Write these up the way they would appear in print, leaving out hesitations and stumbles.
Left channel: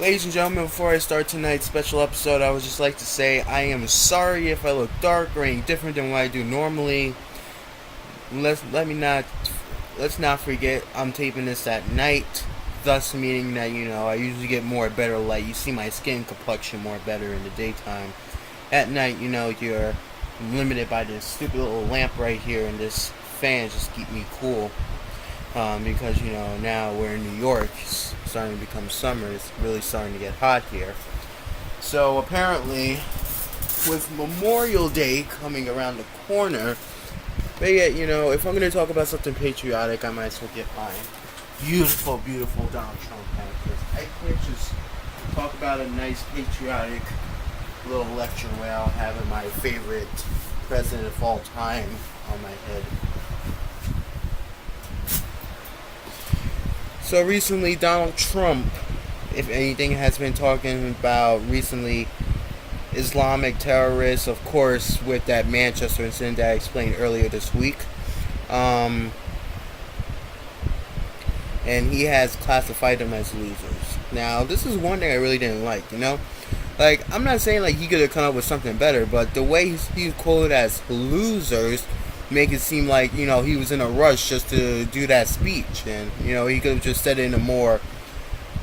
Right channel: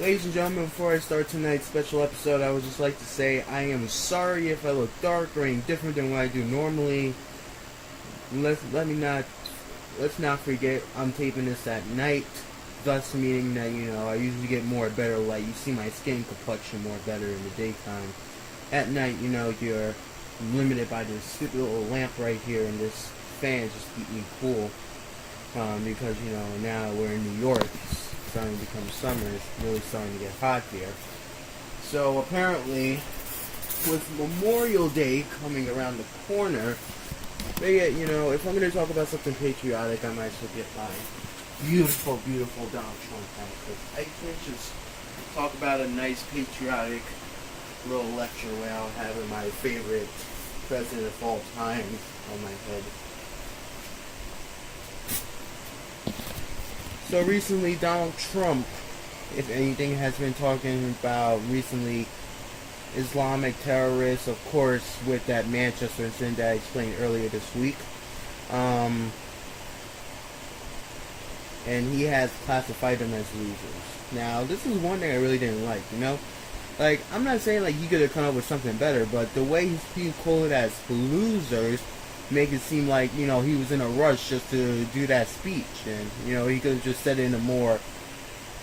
Ladies and gentlemen, before I start tonight's special episode, I would just like to say I am sorry if I look dark or any different than what I do normally. Let's not forget I'm taping this at night, thus meaning that I usually get more better light. You see my skin complexion more better in the daytime. At night, you're limited by this stupid little lamp right here and this fan just keep me cool. Because now we're in New York, it's starting to become summer. It's really starting to get hot here. So apparently, with Memorial Day coming around the corner, if I'm going to talk about something patriotic, I might as well get my beautiful, beautiful Donald Trump hat, because I can't just talk about a nice patriotic little lecture without having my favorite president of all time on my head. So recently, Donald Trump, if anything, has been talking about recently Islamic terrorists, of course, with that Manchester incident that I explained earlier this week. And he has classified them as losers. Now, this is one thing I really didn't like, Like, I'm not saying like he could have come up with something better, but the way he's quoted as losers make it seem like, he was in a rush just to do that speech. And, he could have just said it in a more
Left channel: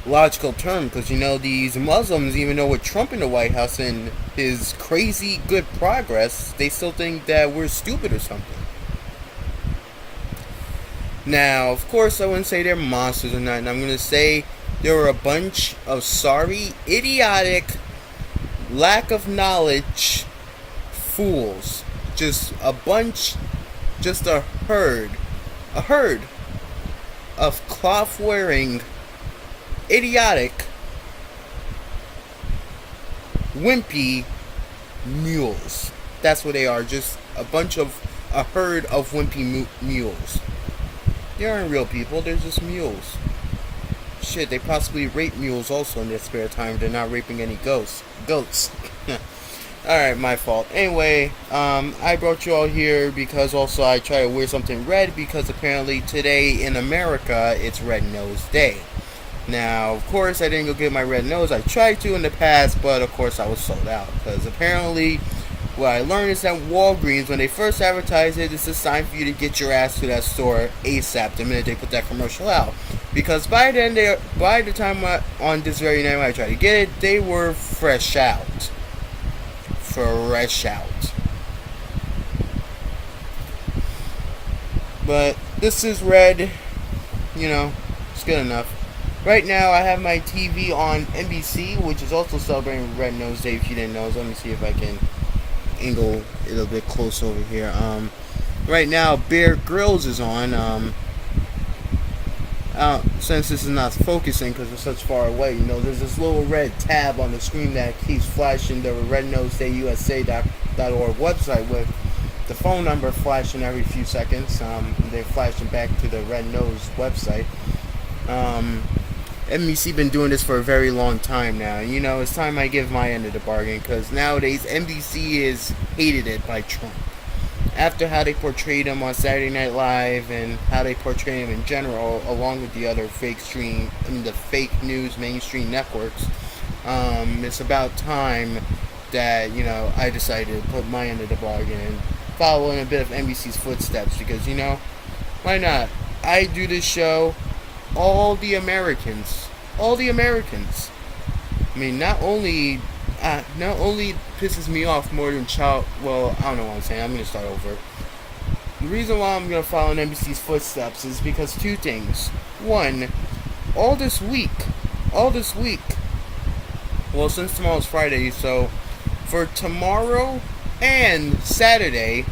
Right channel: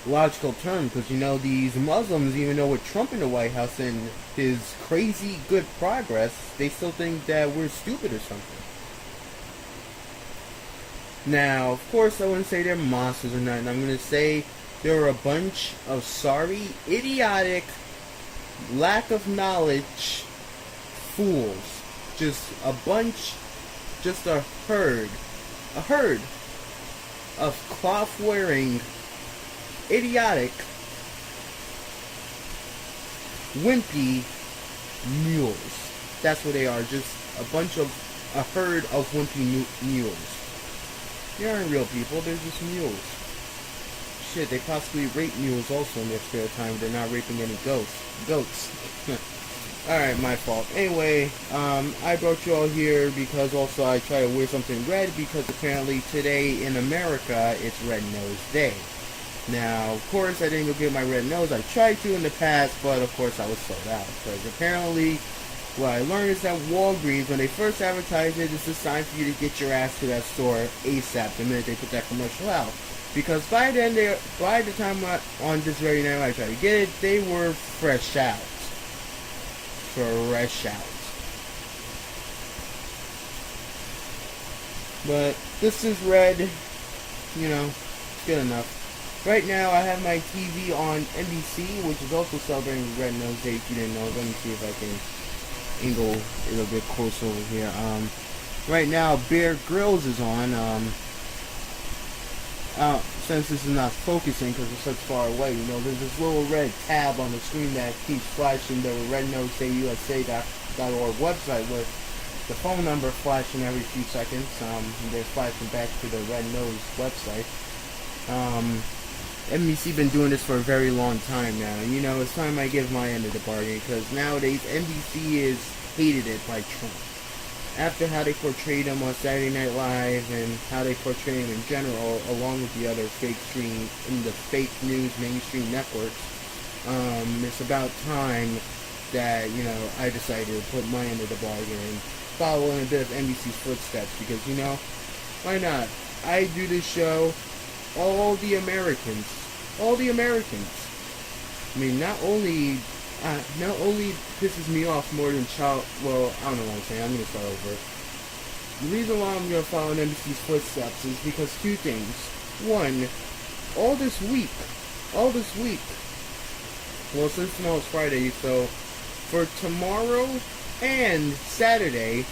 logical term. Because, these Muslims, even though with Trump in the White House and his crazy good progress, they still think that we're stupid or something. Now, of course, I wouldn't say they're monsters or nothing. I'm going to say there were a bunch of sorry, idiotic, lack of knowledge fools. Just a herd of cloth-wearing, idiotic, wimpy mules. That's what they are, just a herd of wimpy mules. They aren't real people, they're just mules. Shit, they possibly rape mules also in their spare time. They're not raping any goats. Alright, my fault. Anyway, I brought you all here because also I try to wear something red because apparently today in America it's Red Nose Day. Now, of course, I didn't go get my red nose. I tried to in the past, but of course I was sold out. Because apparently, what I learned is that Walgreens, when they first advertised it, it's a sign for you to get your ass to that store ASAP the minute they put that commercial out. Because by the time on this very night when I tried to get it, they were fresh out. But this is red, it's good enough. Right now I have my TV on NBC, which is also celebrating Red Nose Day, if you didn't know. Let me see if I can angle it a little bit close over here. Right now Bear Grylls is on. Since this is not focusing because it's such far away, there's this little red tab on the screen that keeps flashing the rednosedayusa.org website with the phone number flashing every few seconds. They're flashing back to the Red Nose website. NBC been doing this for a very long time now. It's time I give my end of the bargain, because nowadays NBC is hated by Trump. After how they portrayed him on Saturday Night Live and how they portray him in general, along with the other fake news mainstream networks, it's about time that I decided to put my end of the bargain and follow in a bit of NBC's footsteps, because why not? I do this show, all the Americans. I mean, not only pisses me off more than well, I don't know what I'm saying. I'm going to start over. The reason why I'm going to follow in NBC's footsteps is because two things. One, all this week, well, since tomorrow's Friday, so for tomorrow and Saturday,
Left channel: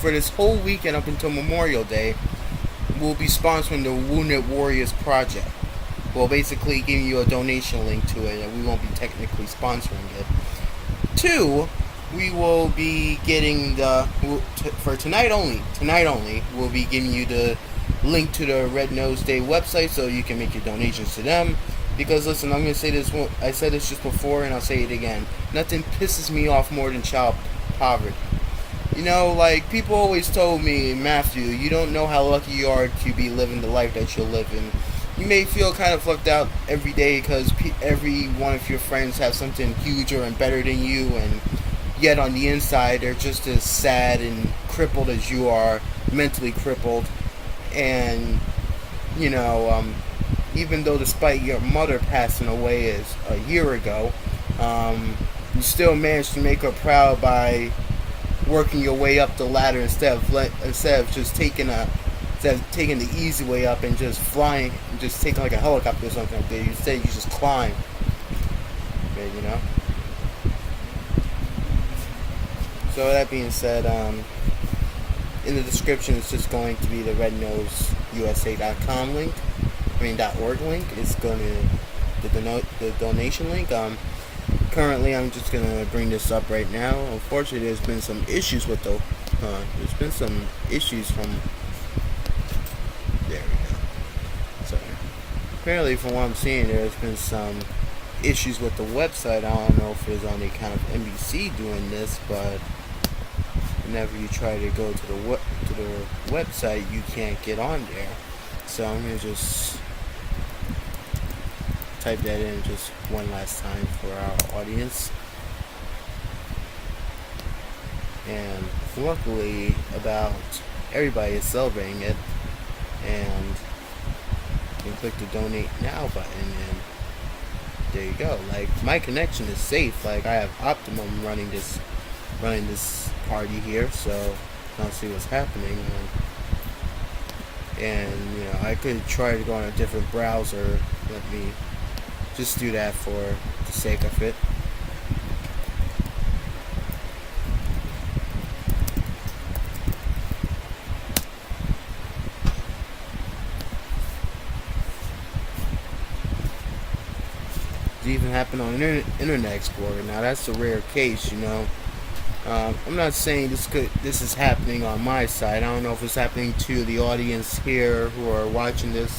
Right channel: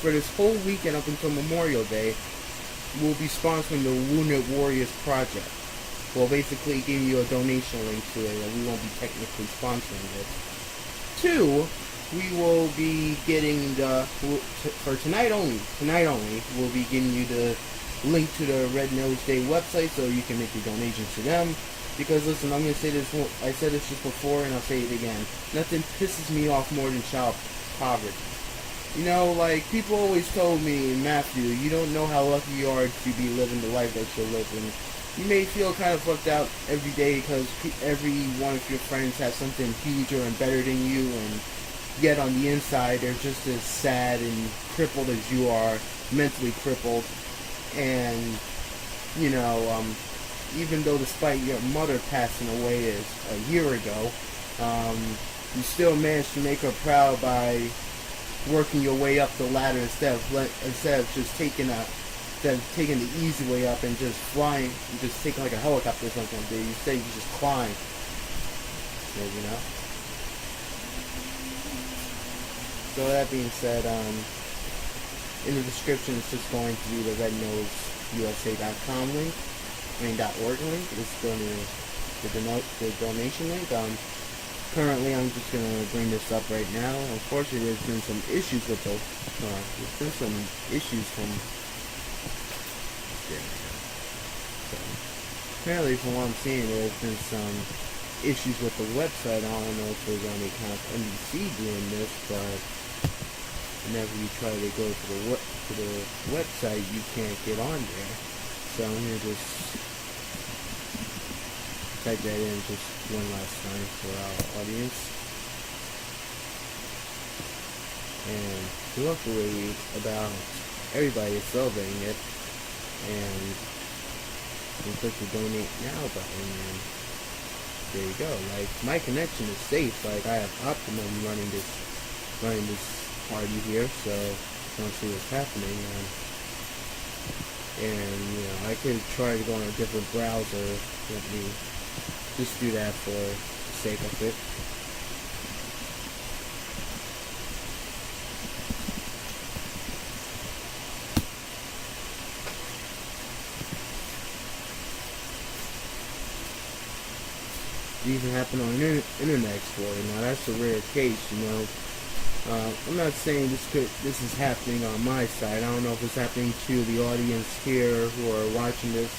for this whole weekend up until Memorial Day, we'll be sponsoring the Wounded Warriors Project. Well, basically giving you a donation link to it, and we won't be technically sponsoring it. Two, we will be getting for tonight only, we'll be giving you the link to the Red Nose Day website so you can make your donations to them. Because listen, I'm going to say this, I said this just before and I'll say it again. Nothing pisses me off more than child poverty. Like, people always told me, Matthew, you don't know how lucky you are to be living the life that you're living. you may feel kind of left out every day because every one of your friends has something huger and better than you, and yet on the inside they're just as sad and crippled as you are, mentally crippled. And even though despite your mother passing away a year ago, you still managed to make her proud by working your way up the ladder instead of just taking the easy way up and just flying, just taking like a helicopter or something like that. Instead, you just climb. Yeah. So that being said, in the description, it's just going to be the rednoseusa.com link. .org link. It's going to the donation link. Currently, I'm just gonna bring this up right now. Unfortunately, there's been some issues with from. There we go. So apparently, from what I'm seeing, there's been some issues with the website. I don't know if it was on account of NBC doing this, but whenever you try to go to the website, you can't get on there. So I'm gonna just type that in just one last time for our audience. And luckily, about everybody is celebrating it, and you click the donate now button, and there you go. Like, my connection is safe. Like, I have Optimum running this party here, so I don't see what's happening. And I could try to go on a different browser. Let me just do that for the sake of it. It even happened on Internet Explorer. Now that's a rare case, I'm not saying this is happening on my side. I don't know if it's happening to the audience here who are watching this.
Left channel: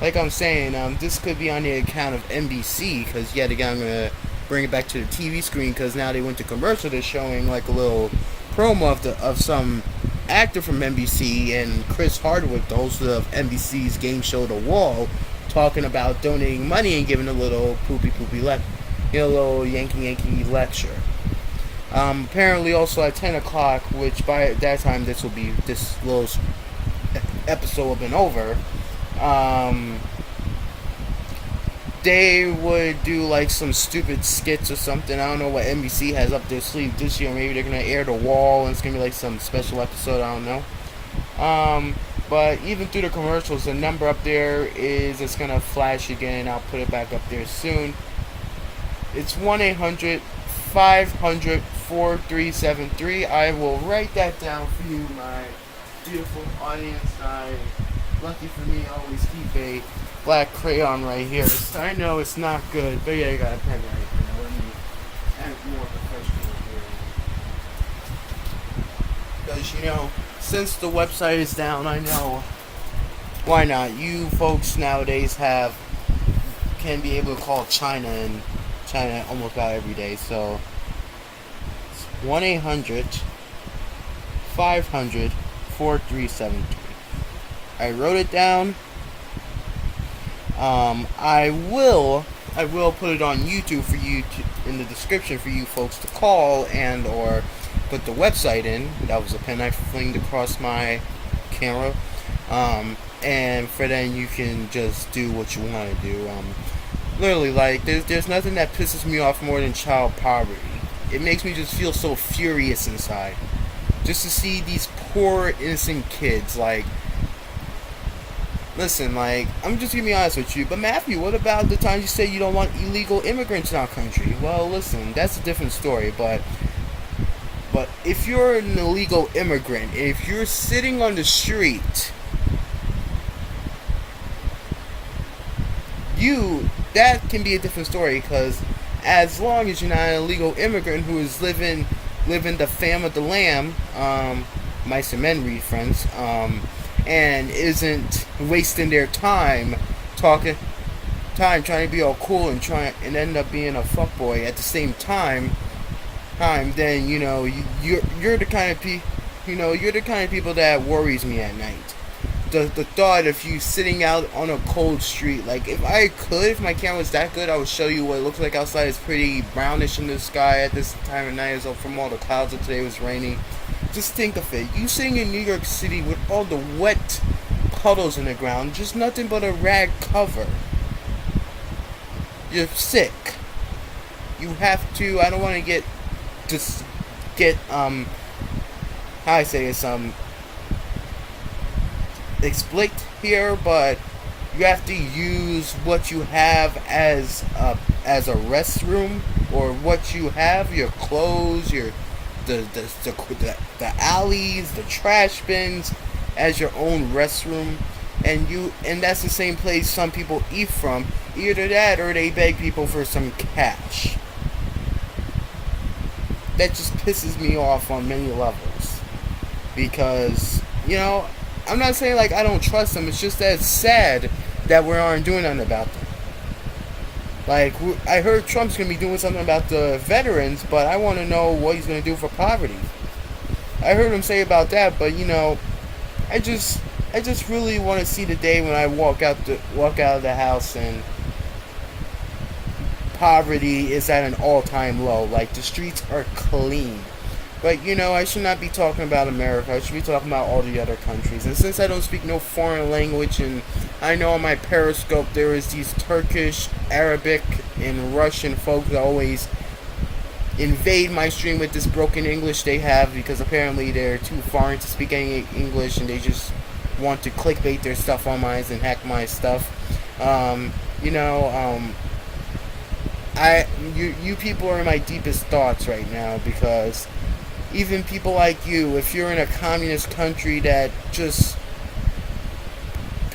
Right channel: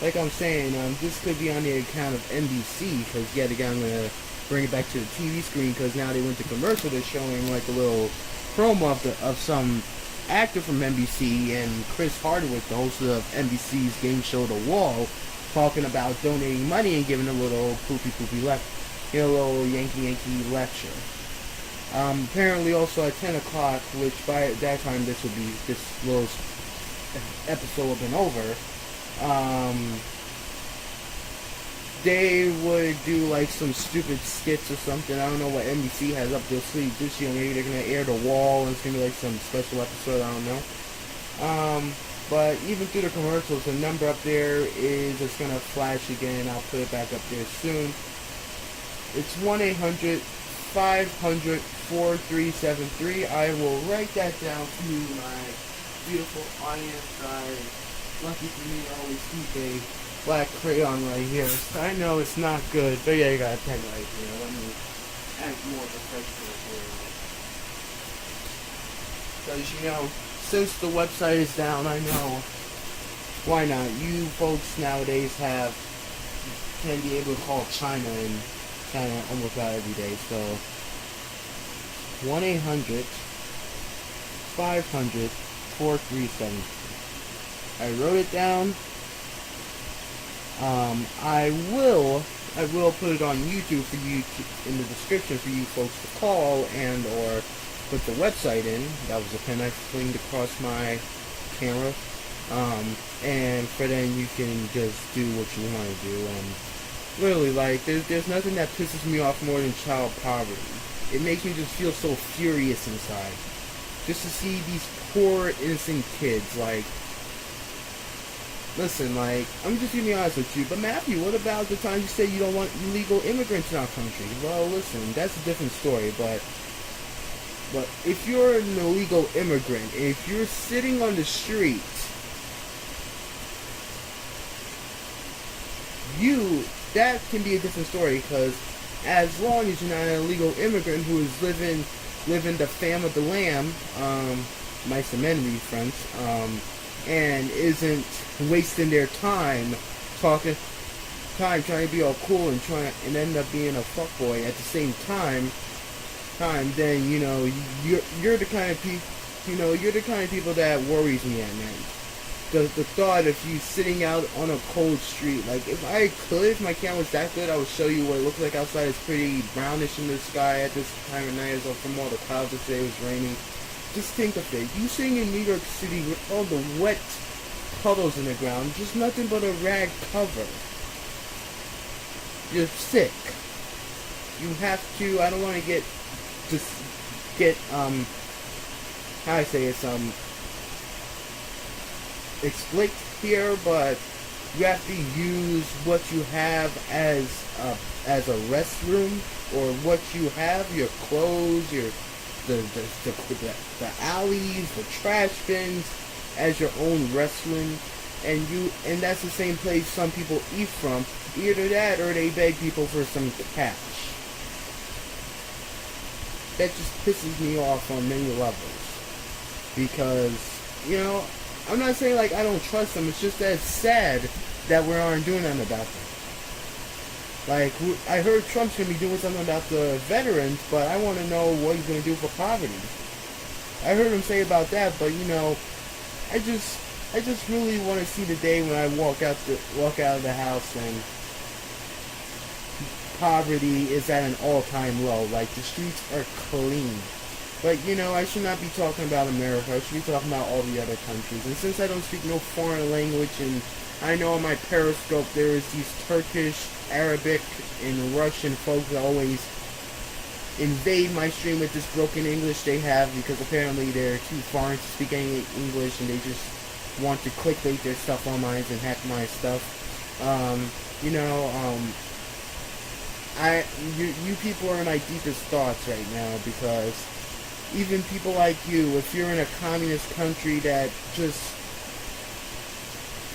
Like I'm saying, this could be on the account of NBC, because yet again I'm going to bring it back to the TV screen, because now they went to commercial. They're showing like a little promo of some actor from NBC, and Chris Hardwick, the host of NBC's game show The Wall, talking about donating money and giving a little a little Yankee lecture. Apparently also at 10 o'clock, which by that time this little episode will have been over, they would do like some stupid skits or something. I don't know what NBC has up their sleeve this year. Maybe they're going to air The Wall and it's going to be like some special episode, I don't know. But even through the commercials, the number up there it's going to flash again. I'll put it back up there soon. It's 1-800-500-4373. I will write that down for you, my beautiful audience. Lucky for me, I always keep a black crayon right here. I know it's not good, but yeah, you got a pen right here. Let me act more professional here. Because, since the website is down, I know, why not? You folks nowadays can be able to call China almost about every day. So 1-800-500-4373. I wrote it down. I will put it on YouTube for you in the description for you folks to call and or put the website in. That was a pen I flinged across my camera. And for then you can just do what you want to do. Literally, like, there's nothing that pisses me off more than child poverty. It makes me just feel so furious inside. Just to see these poor, innocent kids, like, listen, like, I'm just gonna be honest with you, but Matthew, what about the time you say you don't want illegal immigrants in our country? Well, listen, that's a different story, but if you're an illegal immigrant, if you're sitting on the street, that can be a different story, because as long as you're not an illegal immigrant who is living the fam of the lamb, mice and men read, friends, and isn't wasting their time trying to be all cool and end up being a fuckboy at the same time, then you're the kind of people that worries me at night. the thought of you sitting out on a cold street. Like, if my camera was that good, I would show you what it looks like outside. It's pretty brownish in the sky at this time of night, so from all the clouds that today was raining. Just think of it. You sitting in New York City with all the wet puddles in the ground, just nothing but a rag cover. You're sick. You have to, I don't want to get, how I say it's, explicit here, but you have to use what you have as a restroom, or what you have, your clothes, the alleys, the trash bins, as your own restroom, and that's the same place some people eat from. Either that, or they beg people for some cash. That just pisses me off on many levels, because, you know, I'm not saying like I don't trust them. It's just that it's sad that we aren't doing nothing about them. Like, I heard Trump's gonna be doing something about the veterans, but I want to know what he's gonna do for poverty. I heard him say about that, but you know, I just really want to see the day when I walk out of the house and poverty is at an all-time low. Like, the streets are clean. But, you know, I should not be talking about America. I should be talking about all the other countries. And since I don't speak no foreign language, and I know on my Periscope there is these Turkish, Arabic, and Russian folks that always invade my stream with this broken English they have, because apparently they're too foreign to speak any English, and they just want to clickbait their stuff on mine and hack my stuff. You people are in my deepest thoughts right now, because even people like you, if you're in a communist country that just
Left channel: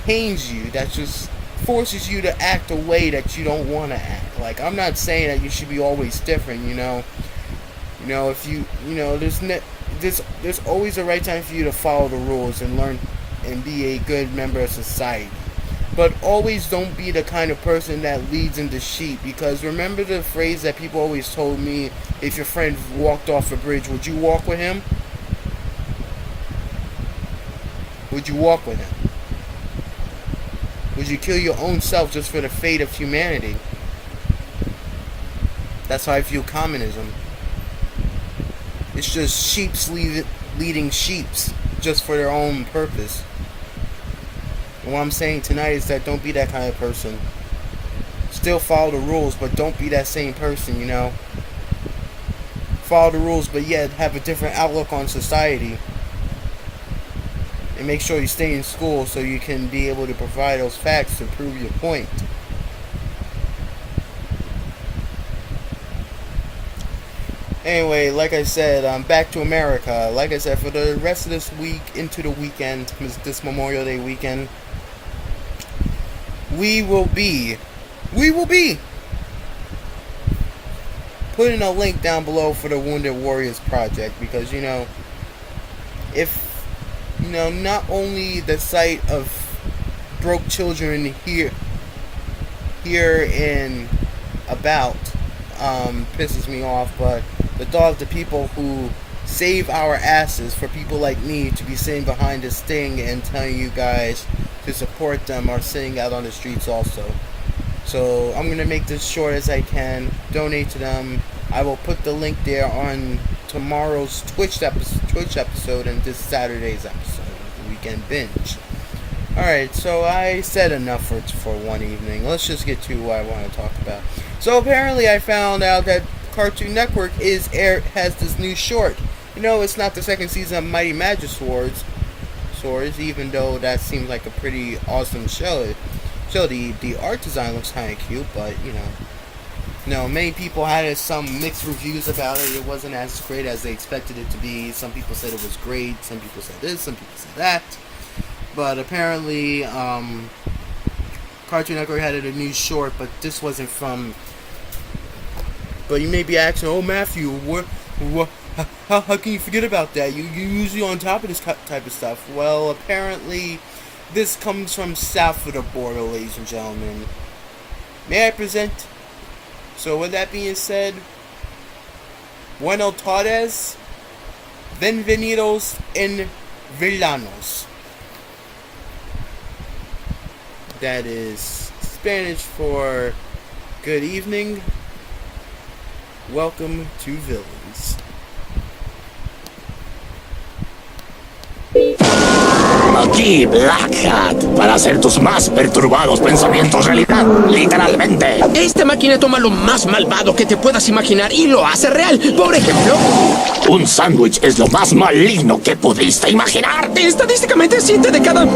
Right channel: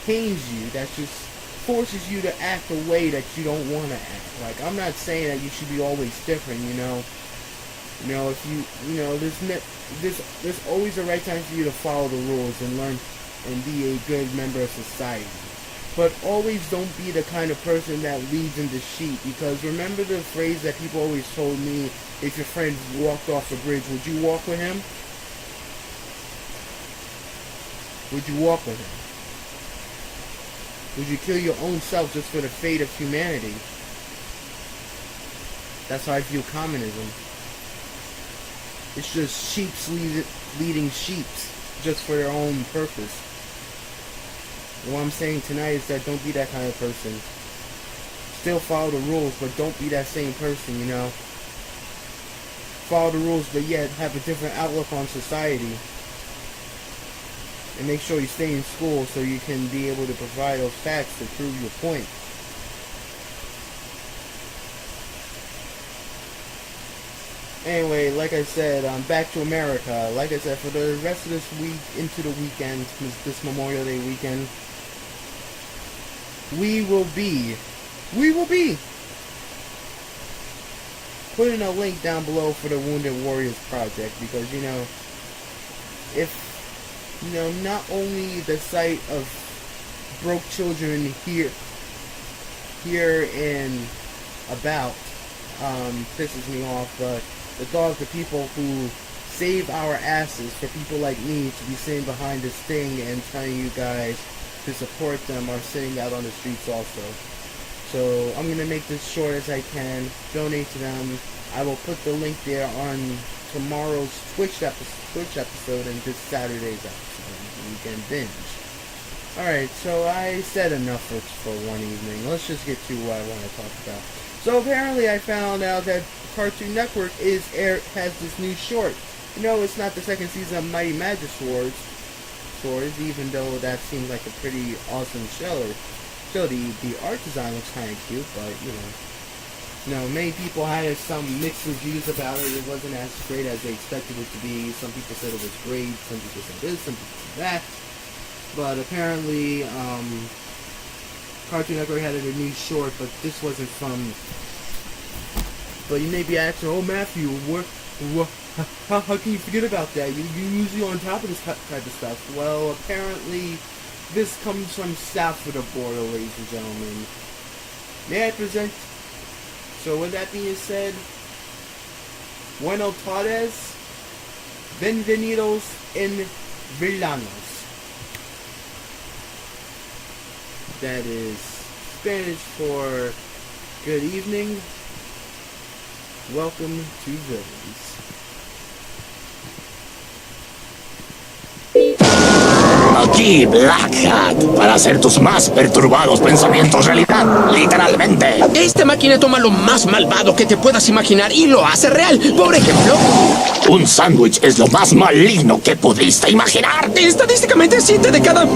pains you, that just forces you to act a way that you don't want to act. Like, I'm not saying that you should be always different, you know. You know, if there's always a right time for you to follow the rules and learn and be a good member of society. But always don't be the kind of person that leads into sheep, because remember the phrase that people always told me, if your friend walked off a bridge, would you walk with him? Would you walk with him? Would you kill your own self just for the fate of humanity? That's how I view communism. It's just sheeps leading sheeps just for their own purpose. And what I'm saying tonight is that don't be that kind of person. Still follow the rules, but don't be that same person, you know. Follow the rules, but yet have a different outlook on society. And make sure you stay in school so you can be able to provide those facts to prove your point. Anyway, like I said, back to America. Like I said, for the rest of this week into the weekend, this Memorial Day weekend, we will be putting a link down below for the Wounded Warriors Project, because, you know, if, you know, not only the sight of broke children here in about pisses me off, but the thought of the people who save our asses for people like me to be sitting behind this thing and telling you guys to support them are sitting out on the streets also. So I'm going to make this short as I can. Donate to them. I will put the link there on tomorrow's Twitch episode and this Saturday's episode, Weekend Binge. Alright, so I said enough for one evening. Let's just get to what I want to talk about. So apparently I found out that Cartoon Network has this new short. You know, it's not the second season of Mighty Magic Swords, even though that seems like a pretty awesome show. The art design looks kind of cute, but you know, many people had some mixed reviews about it. It wasn't as great as they expected it to be. Some people said it was great. Some people said this. Some people said that. But apparently, Cartoon Network had a new short, but this wasn't from. But you may be asking, oh Matthew, how can you forget about that? You're usually on top of this type of stuff. Well, apparently, this comes from south of the border, ladies and gentlemen. May I present? So with that being said, buenos tardes, bienvenidos en villanos. That is Spanish for good evening. Welcome to Villains. Aquí Black Hat, para hacer tus más perturbados pensamientos realidad, literalmente. Esta máquina toma lo más malvado que te puedas imaginar y lo hace real. Por ejemplo, Un sándwich es lo más maligno que pudiste imaginar. estadísticamente 7 de cada...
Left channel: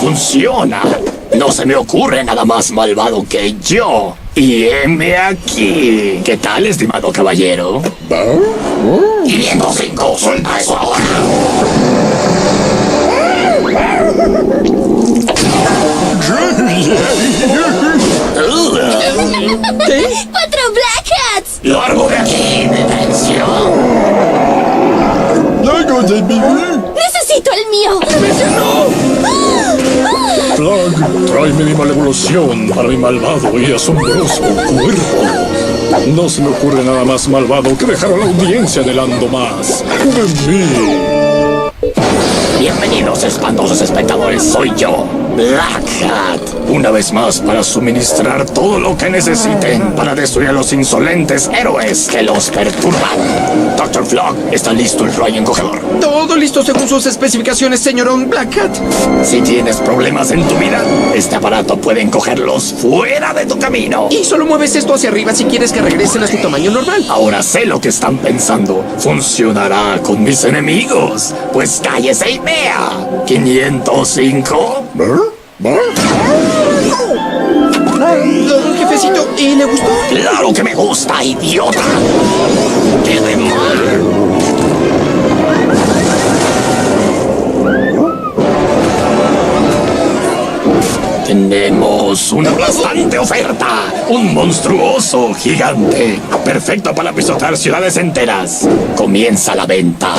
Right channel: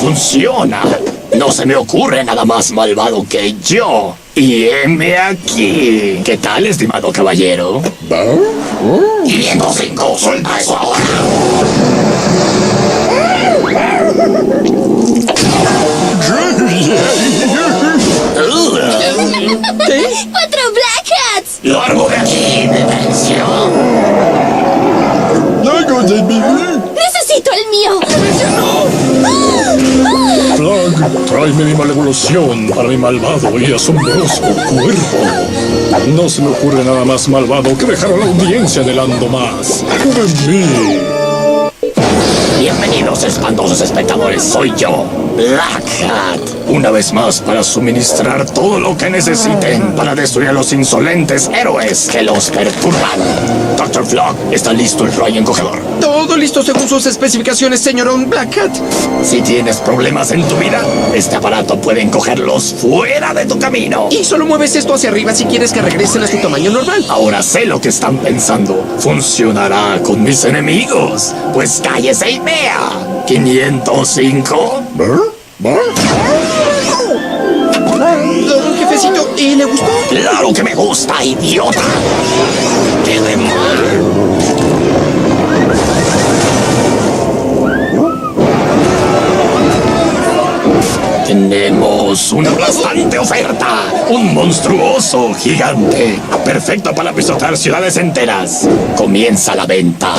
Funciona. No se me ocurre nada más malvado que yo. Y heme aquí. ¿Qué tal, estimado caballero? 505, suelta eso ahora. ¿Qué? 4 Black Hats. ¡Largo de aquí, detención! Necesito el mío. Flag, tráeme mi malevolución para mi malvado y asombroso cuerpo. No se me ocurre nada más malvado que dejar a la audiencia anhelando más de mí. Bienvenidos, espantosos espectadores, soy yo, Black Hat. Una vez más para suministrar todo lo que necesiten para destruir a los insolentes héroes que los perturban. Dr. Flog, ¿está listo el rayo encogedor? Todo listo según sus especificaciones, señorón Black Hat. Si tienes problemas en tu vida, este aparato puede encogerlos fuera de tu camino. Y solo mueves esto hacia arriba si quieres que regresen a su tamaño normal. Ahora sé lo que están pensando. Funcionará con mis enemigos. Pues cállese y vea. 505. Jefecito, ¿y le gustó? Claro que me gusta, idiota. ¡Qué de mal! Tenemos una aplastante oferta. Un monstruoso gigante. Perfecto para pisotear ciudades enteras. Comienza la venta.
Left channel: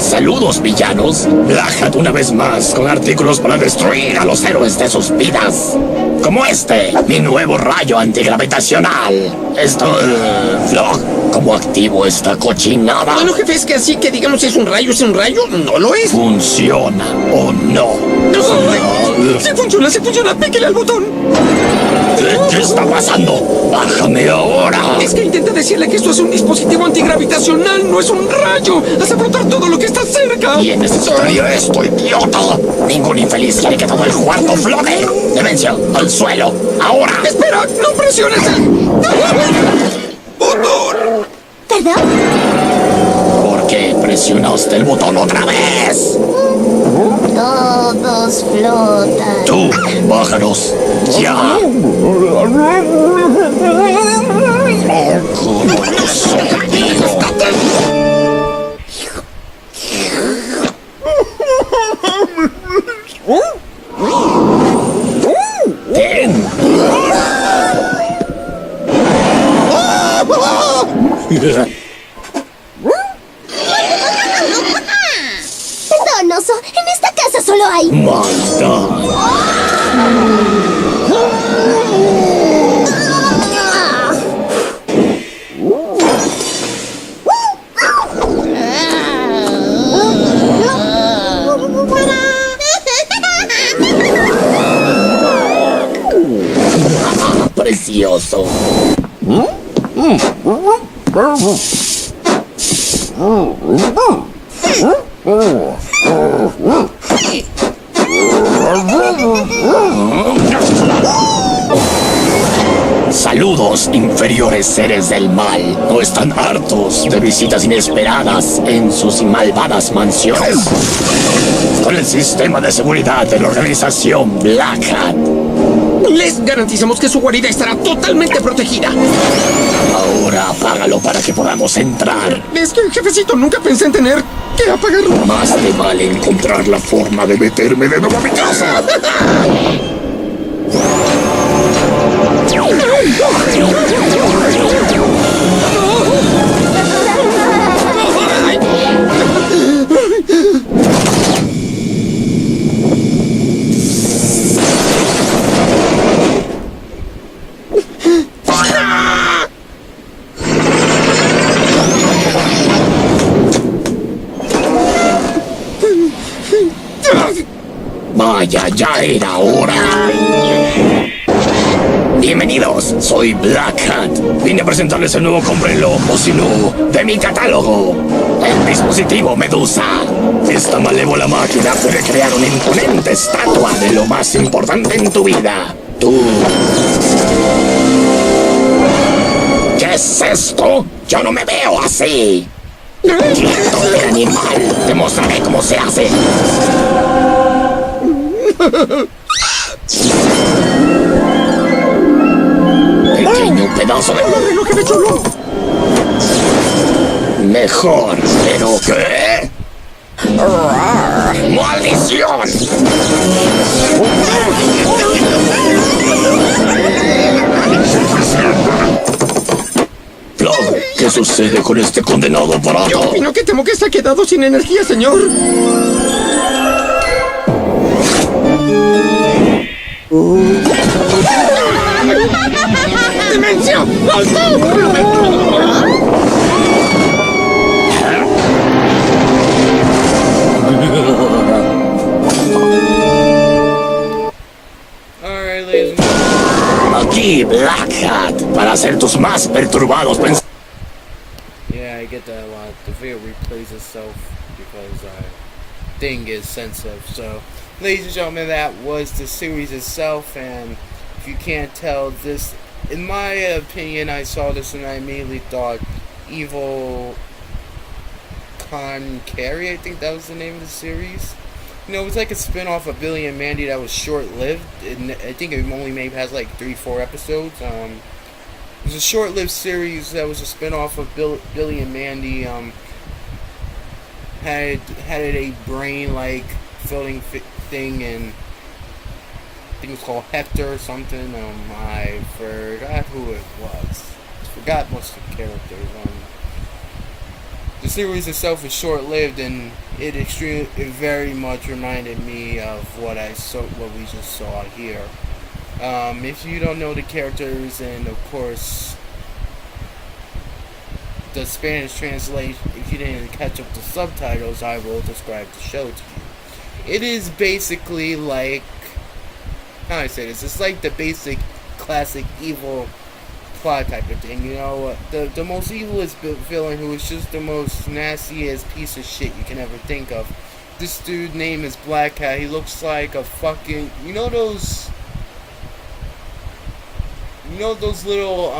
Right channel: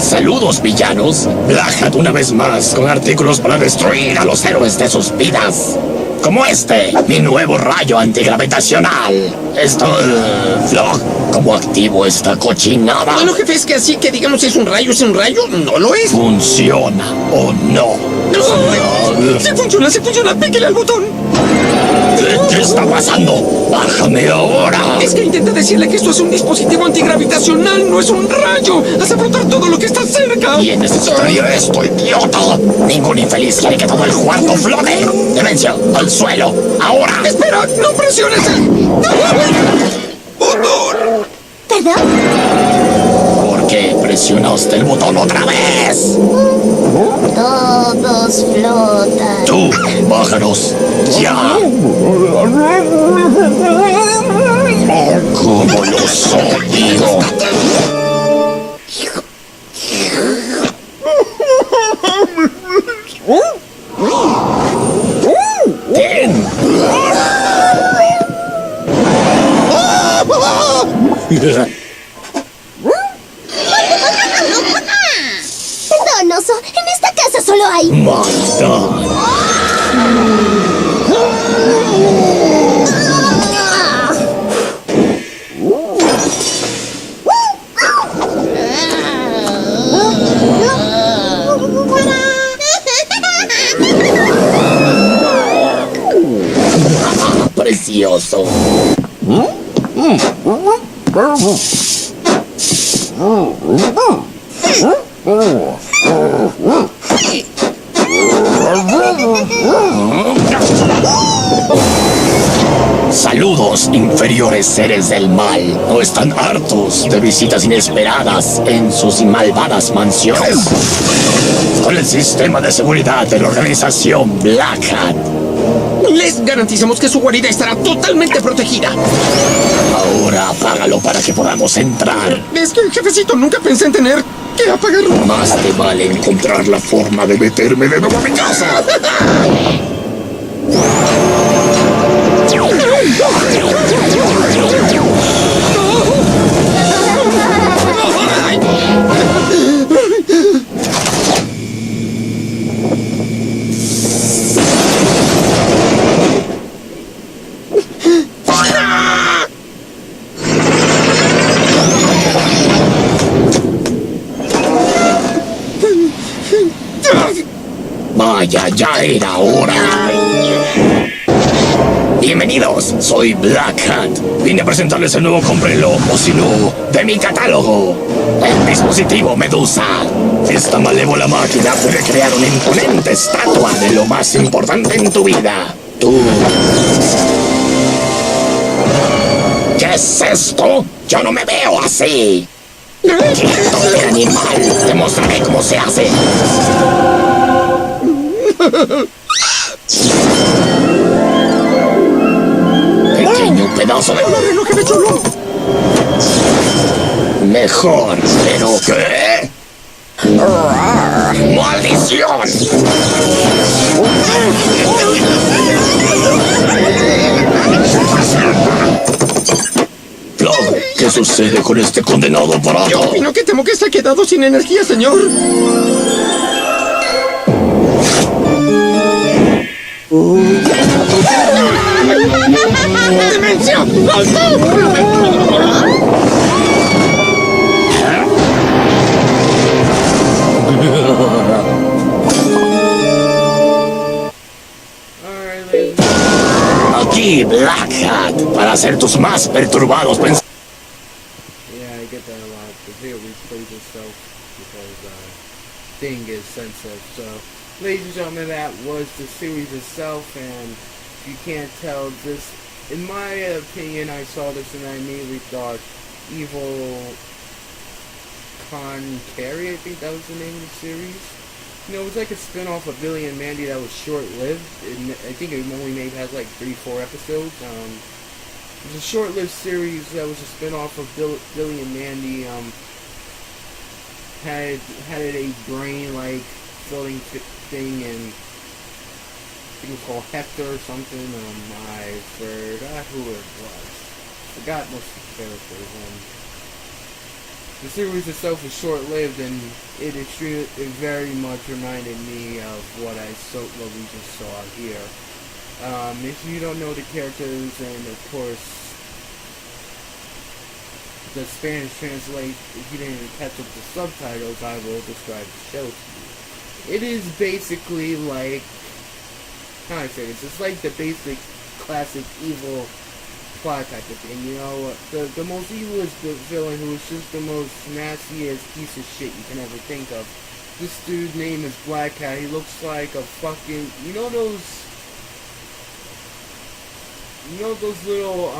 Saludos, villanos. Black Hat una vez más con artículos para destruir a los héroes de sus vidas. Como este, mi nuevo rayo antigravitacional. Flog, ¿cómo activo esta cochinada? Bueno, jefe, es que así que digamos si es un rayo, no lo es. ¿Funciona o no? Si funciona, píquele al botón. ¿Qué está pasando? ¡Bájame ahora! Es que intenta decirle que esto es un dispositivo antigravitacional, no es un rayo. Hace flotar todo lo que está cerca. ¿Quién necesitaría esto, idiota? Ningún infeliz quiere que todo el cuarto flote. Demencia, al suelo, ahora. Espera, no presiones el botón. ¿Perdón? ¿Por qué presionaste el botón otra vez? Todos flotan. Tú, bájanos, ya. ¿Cómo los odio? Ten. Perdón, oso. En esta casa solo hay... Maldad. Precioso. Saludos, inferiores seres del mal. ¿No están hartos de visitas inesperadas en sus malvadas mansiones? Con el sistema de seguridad de la organización Black Hat, Les garantizamos que su guarida estará totalmente protegida. ahora apágalo para que podamos entrar. Es que, jefecito, nunca pensé en tener que apagarlo. Más te vale encontrar la forma de meterme de nuevo a mi casa. Vaya, ya era hora. Bienvenidos, soy Black Hat. Vine a presentarles el nuevo cómprenlo, o si no, de mi catálogo. El dispositivo Medusa. Esta malévola máquina puede crear una imponente estatua de lo más importante en tu vida. Tú. ¿Qué es esto? Yo no me veo así. ¡Quieto de animal! Te mostraré cómo se hace. Pequeño pedazo de... ¡Reloj de chulo! Mejor, pero ¿qué? ¡Maldición! Plug, ¿qué sucede con este condenado aparato? Yo opino que temo que se ha quedado sin energía, señor. ¡Demencia! Alright, ladies and Aquí, Black Hat, para hacer tus más perturbados pensamientos. yeah, I get that a lot. The video replays itself because thing is sensitive. So, ladies and gentlemen, that was the series itself, and if you can't tell, this, in my opinion, I saw this and I immediately thought Evil Con Carry, I think that was the name of the series. You know, it was like a spin-off of Billy and Mandy that was short-lived. And I think it only maybe has like 3-4 episodes. It was a short-lived series that was a spin-off of Billy and Mandy. Had a brain-like filling thing, and I think it was called Hector or something. I forgot who it was. Forgot most of the characters. The series itself is short-lived, and it very much reminded me of what we just saw here. If you don't know the characters, and of course the Spanish translation, if you didn't catch up the subtitles, I will describe the show to you. It is basically like, how do I say this? It's like the basic classic evil plot type of thing, you know. The most evilest villain who is just the most nastiest piece of shit you can ever think of. This dude's name is Black Cat. He looks like a fucking, you know those little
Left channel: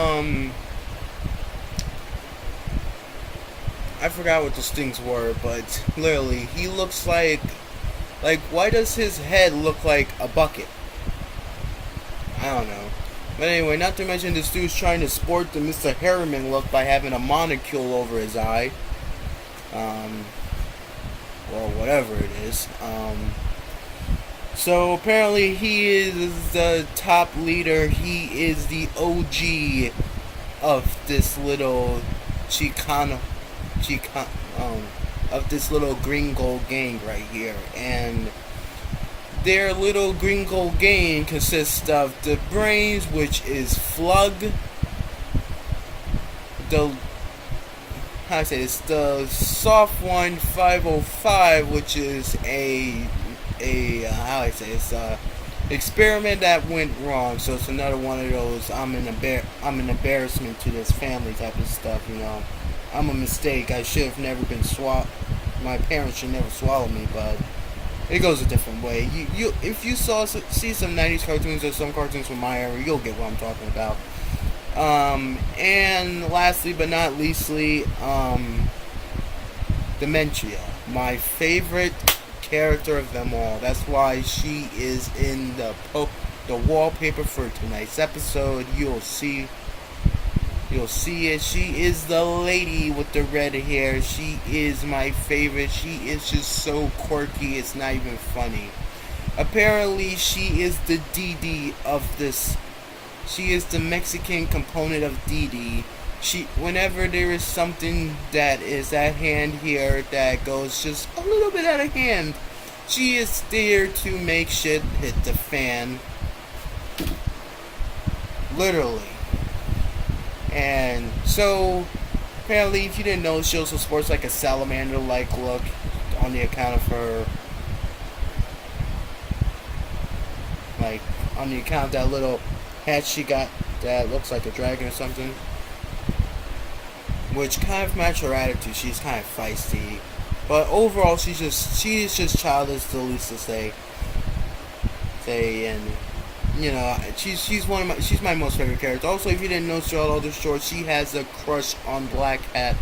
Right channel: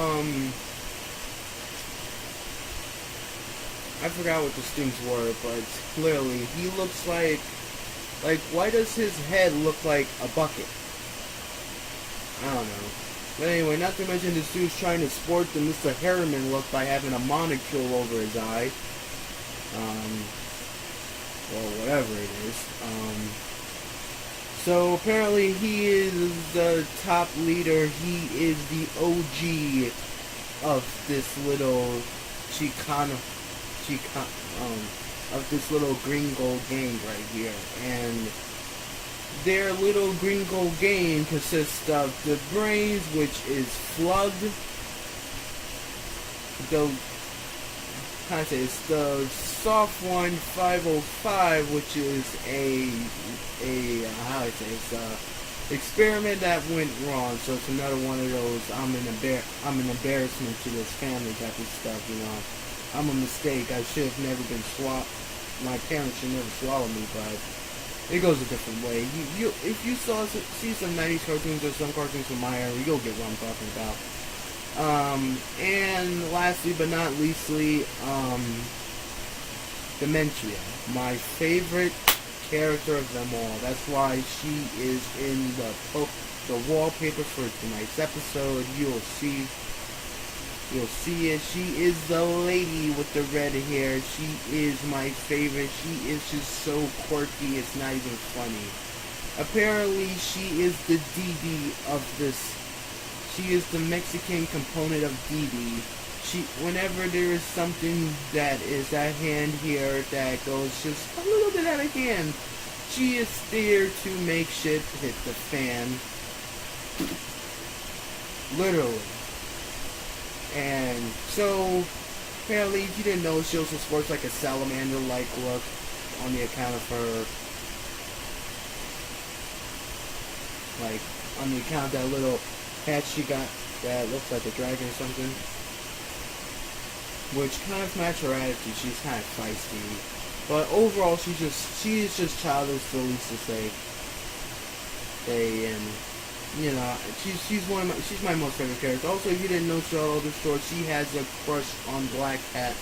I forgot what those things were, but literally he looks like why does his head look like a bucket? I don't know. But anyway, not to mention this dude's trying to sport the Mr. Harriman look by having a monocule over his eye. Or whatever it is. So apparently he is the top leader. He is the OG of this little of this little gringo gang right here. And their little gringo gang consists of the Brains, which is Flug, the soft one 505, which is a experiment that went wrong. So it's another one of those I'm an embarrassment to this family type of stuff, you know. I'm a mistake. I should have never been my parents should never swallow me, but it goes a different way. You if you see some 90s cartoons or some cartoons from my era, you'll get what I'm talking about. And lastly but not leastly, Dementia, my favorite character of them all. That's why she is in the wallpaper for tonight's episode. You'll see it. She is the lady with the red hair. She is my favorite. She is just so quirky, it's not even funny. Apparently she is the Dee of this. She is the Mexican component of Dee. Whenever there is something that is at hand here that goes just a little bit out of hand, she is there to make shit hit the fan. Literally. And so, apparently, if you didn't know, she also sports like a salamander-like look on the account of her like on the account that little hat she got that looks like a dragon or something, which kind of match her attitude. She's kind of feisty, but overall she's just childish, the least to say. And you know, she's my most favorite character. Also, if you didn't know throughout all the shorts, she has a crush on Black Hat,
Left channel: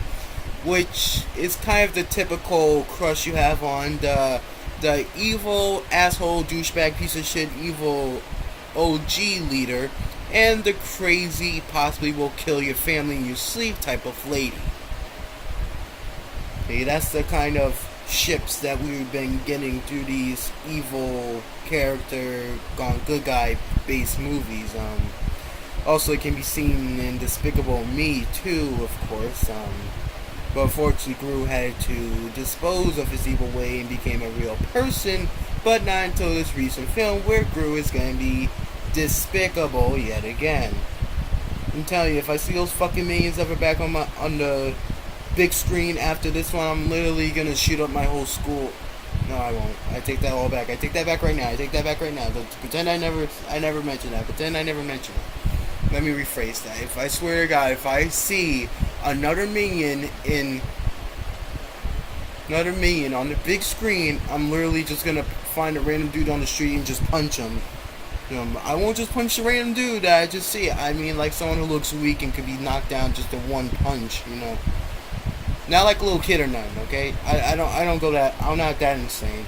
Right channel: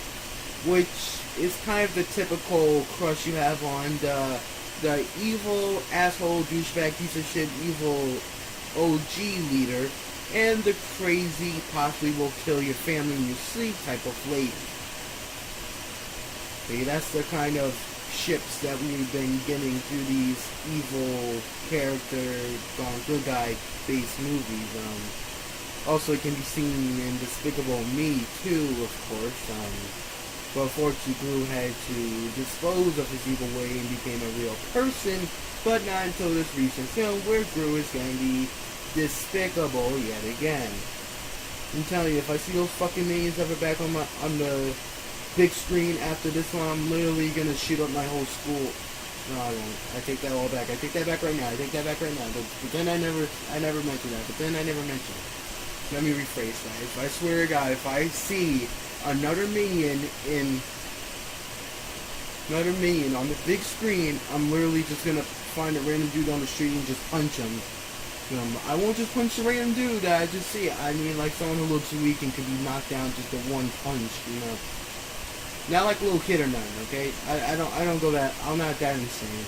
which is kind of the typical crush you have on the evil asshole douchebag piece of shit evil OG leader, and the crazy possibly will kill your family in your sleep type of lady. Okay, that's the kind of ships that we've been getting through these evil character gone good guy based movies. Also, it can be seen in Despicable Me too, of course. But unfortunately, Gru had to dispose of his evil way and became a real person. But not until this recent film, where Gru is going to be despicable yet again. I'm telling you, if I see those fucking minions ever back on the big screen after this one, I'm literally gonna shoot up my whole school. No, I won't. I take that all back. I take that back right now. Pretend I never mentioned that. Pretend I never mentioned it. Let me rephrase that. If I swear to God, if I see another minion on the big screen, I'm literally just gonna find a random dude on the street and just punch him. I won't just punch the random dude that I just see. I mean, like someone who looks weak and could be knocked down just in one punch. Not like a little kid or nothing, okay? I don't go that. I'm not that insane.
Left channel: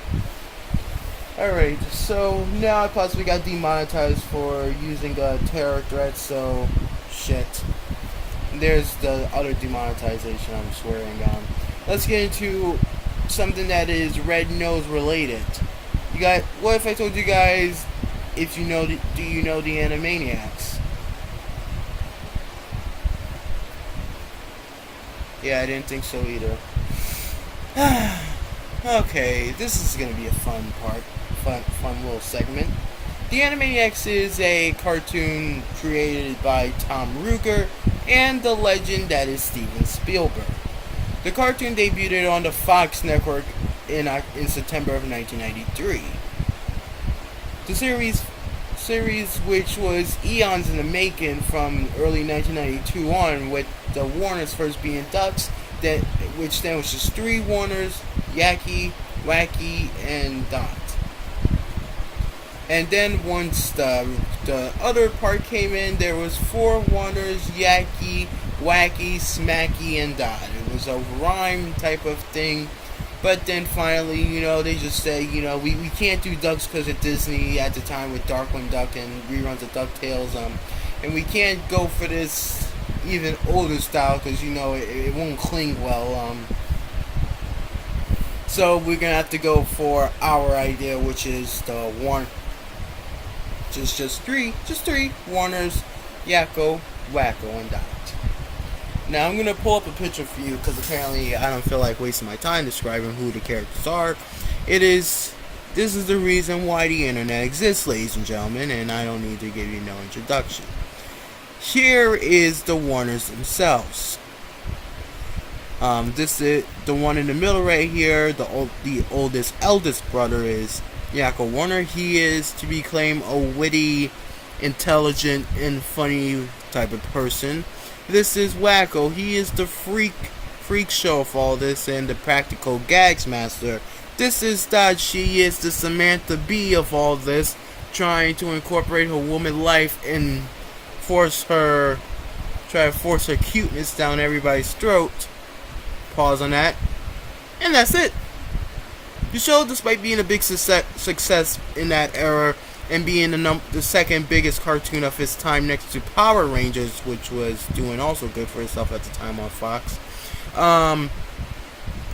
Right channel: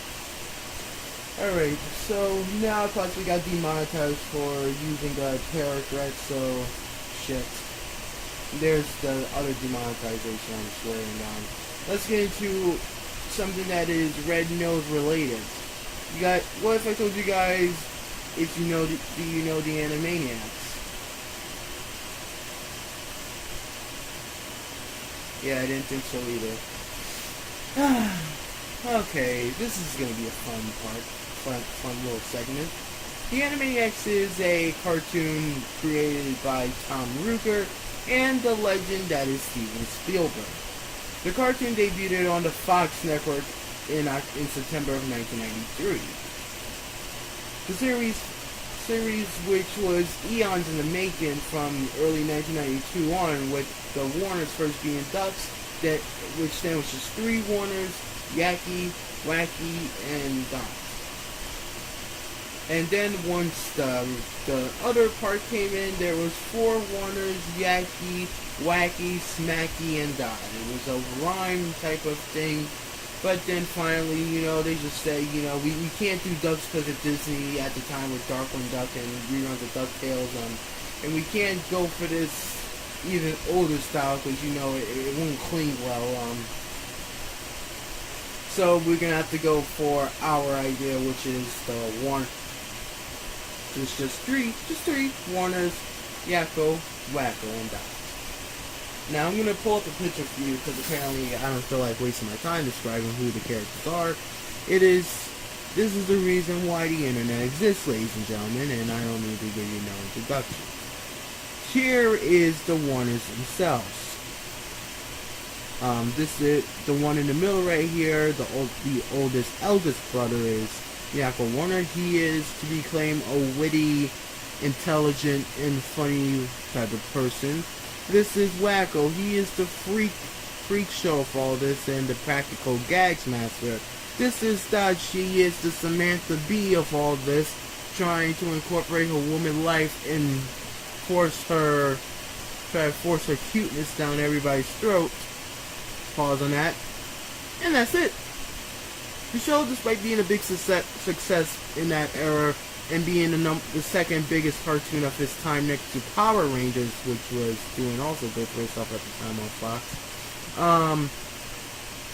Alright, so now I possibly got demonetized for using terror threats, so shit. There's the other demonetization I'm swearing on. Let's get into something that is Red Nose related. What if I told you guys if you know do you know the Animaniacs? Yeah, I didn't think so either. Okay, this is gonna be a fun little segment. The Animaniacs is a cartoon created by Tom Ruegger and the legend that is Steven Spielberg. The cartoon debuted on the Fox network in September of 1993. The series, which was eons in the making from early 1992 on, with the Warners first being Ducks, which then was just 3 Warners, Yaki, Wacky, and Dot. And then once the other part came in, there was 4 Warners, Yaki, Wacky, Smacky, and Dot. It was a rhyme type of thing. But then finally, they just said, we can't do Ducks because of Disney at the time with Darkwing Duck and reruns of DuckTales. And we can't go for this even older style because, it won't cling well. So we're going to have to go for our idea, which is the just three Warners, Yakko, Wacko, and Dot. Now I'm going to pull up a picture for you because apparently I don't feel like wasting my time describing who the characters are. This is the reason why the internet exists, ladies and gentlemen, and I don't need to give you no introduction. Here is the Warners themselves. This is the one in the middle right here. The eldest brother is Yakko Warner. He is to be claimed a witty, intelligent, and funny type of person. This is Wacko. He is the freak show of all this and the practical gags master. This is Dot. She is the Samantha Bee of all this, trying to incorporate her woman life and try to force her cuteness down everybody's throat. Pause on that. And that's it. The show, despite being a big success in that era, and being the second biggest cartoon of its time next to Power Rangers, which was doing also good for itself at the time on Fox.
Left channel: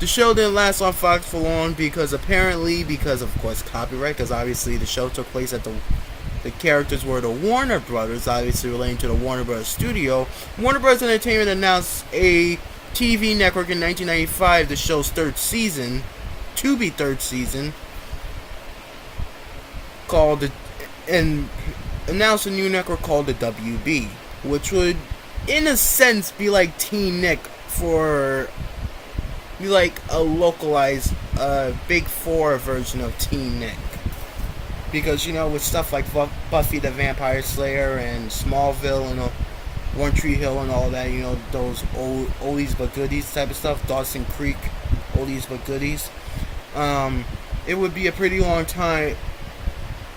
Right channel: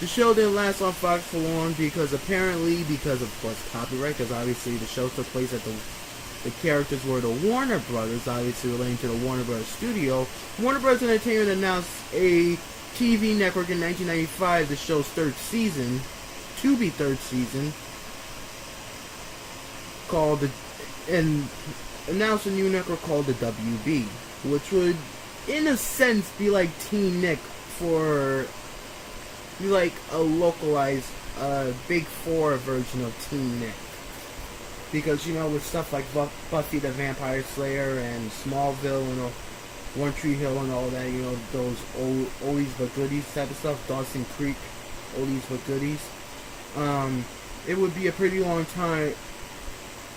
The show didn't last on Fox for long because of course copyright, because obviously the show took place at the characters were the Warner Brothers, obviously relating to the Warner Brothers studio. Warner Brothers Entertainment announced a TV network in 1995, the show's third season, and announced a new network called the WB, which would, in a sense, be like Teen Nick be like a localized Big 4 version of Teen Nick. because you know, with stuff like Buffy the Vampire Slayer and Smallville and One Tree Hill and all that, you know, those old oldies but goodies type of stuff, Dawson Creek, oldies but goodies. It would be a pretty long time.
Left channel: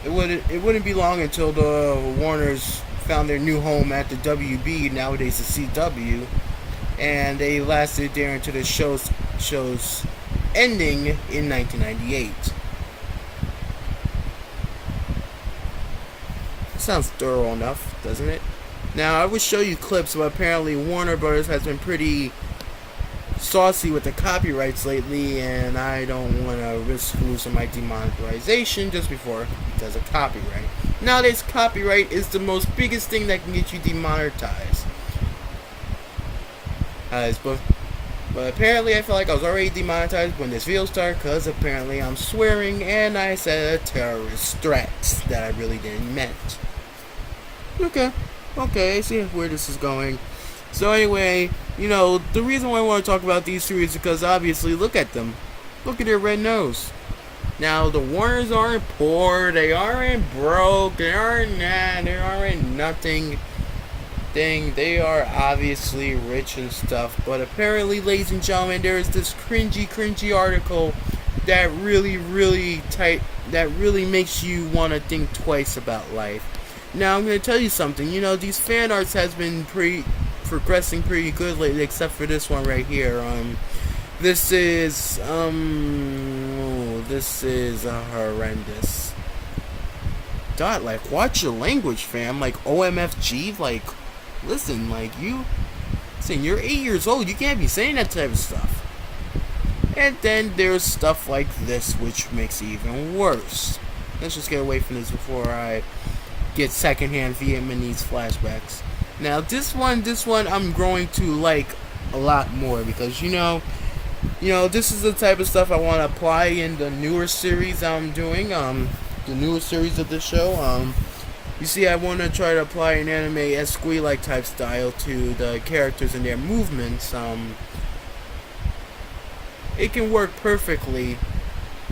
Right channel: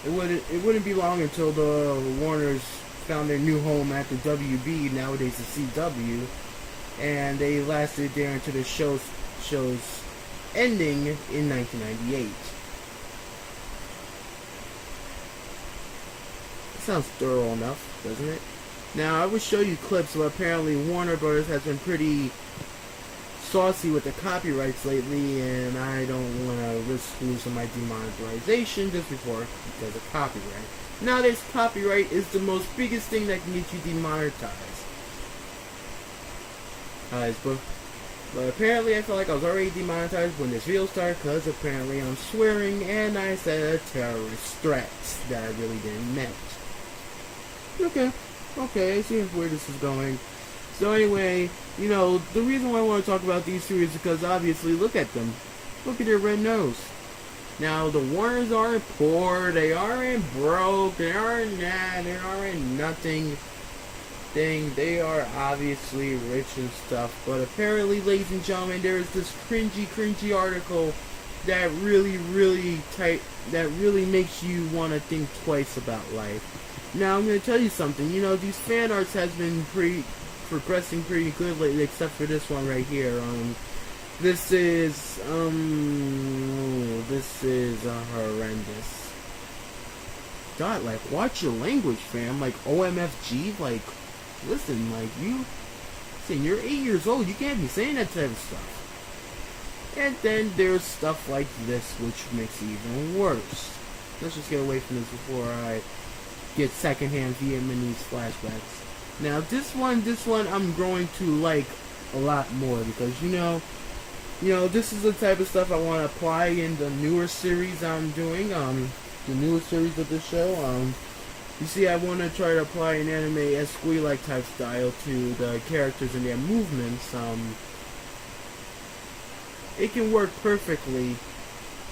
It wouldn't be long until the Warners found their new home at the WB, nowadays the CW, and they lasted there until the show's ending in 1998. Sounds thorough enough, doesn't it? Now, I would show you clips, but apparently Warner Brothers has been pretty saucy with the copyrights lately, and I don't want to risk losing my demonetization just because of copyright. Nowadays, copyright is the most biggest thing that can get you demonetized. But apparently I felt like I was already demonetized when this video started, because apparently I'm swearing and I said a terrorist threat that I really didn't meant. Okay, I see where this is going. So anyway, you know, the reason why I want to talk about these two is because obviously, look at them. Look at their red nose. Now, the Warners aren't poor, they aren't broke, they aren't nothing. They are obviously rich and stuff, but apparently, ladies and gentlemen, there is this cringy article that really makes you want to think twice about life. Now, I'm going to tell you something. You know, these fan arts has been progressing pretty good lately, except for this one right here. This is horrendous. God, like, watch your language, fam. Like, OMFG, like, listen, like, you're 8 years old, you can't be saying that type of stuff. And then there's stuff like this, which makes it even worse. Let's just get away from this before I get secondhand Vietnamese flashbacks. Now, this one I'm growing to like a lot more, because you know, this is the type of stuff I want to apply in the newer series I'm doing, the newer series of the show. You see, I want to try to apply an anime s1ep22 type style to the characters and their movements. It can work perfectly.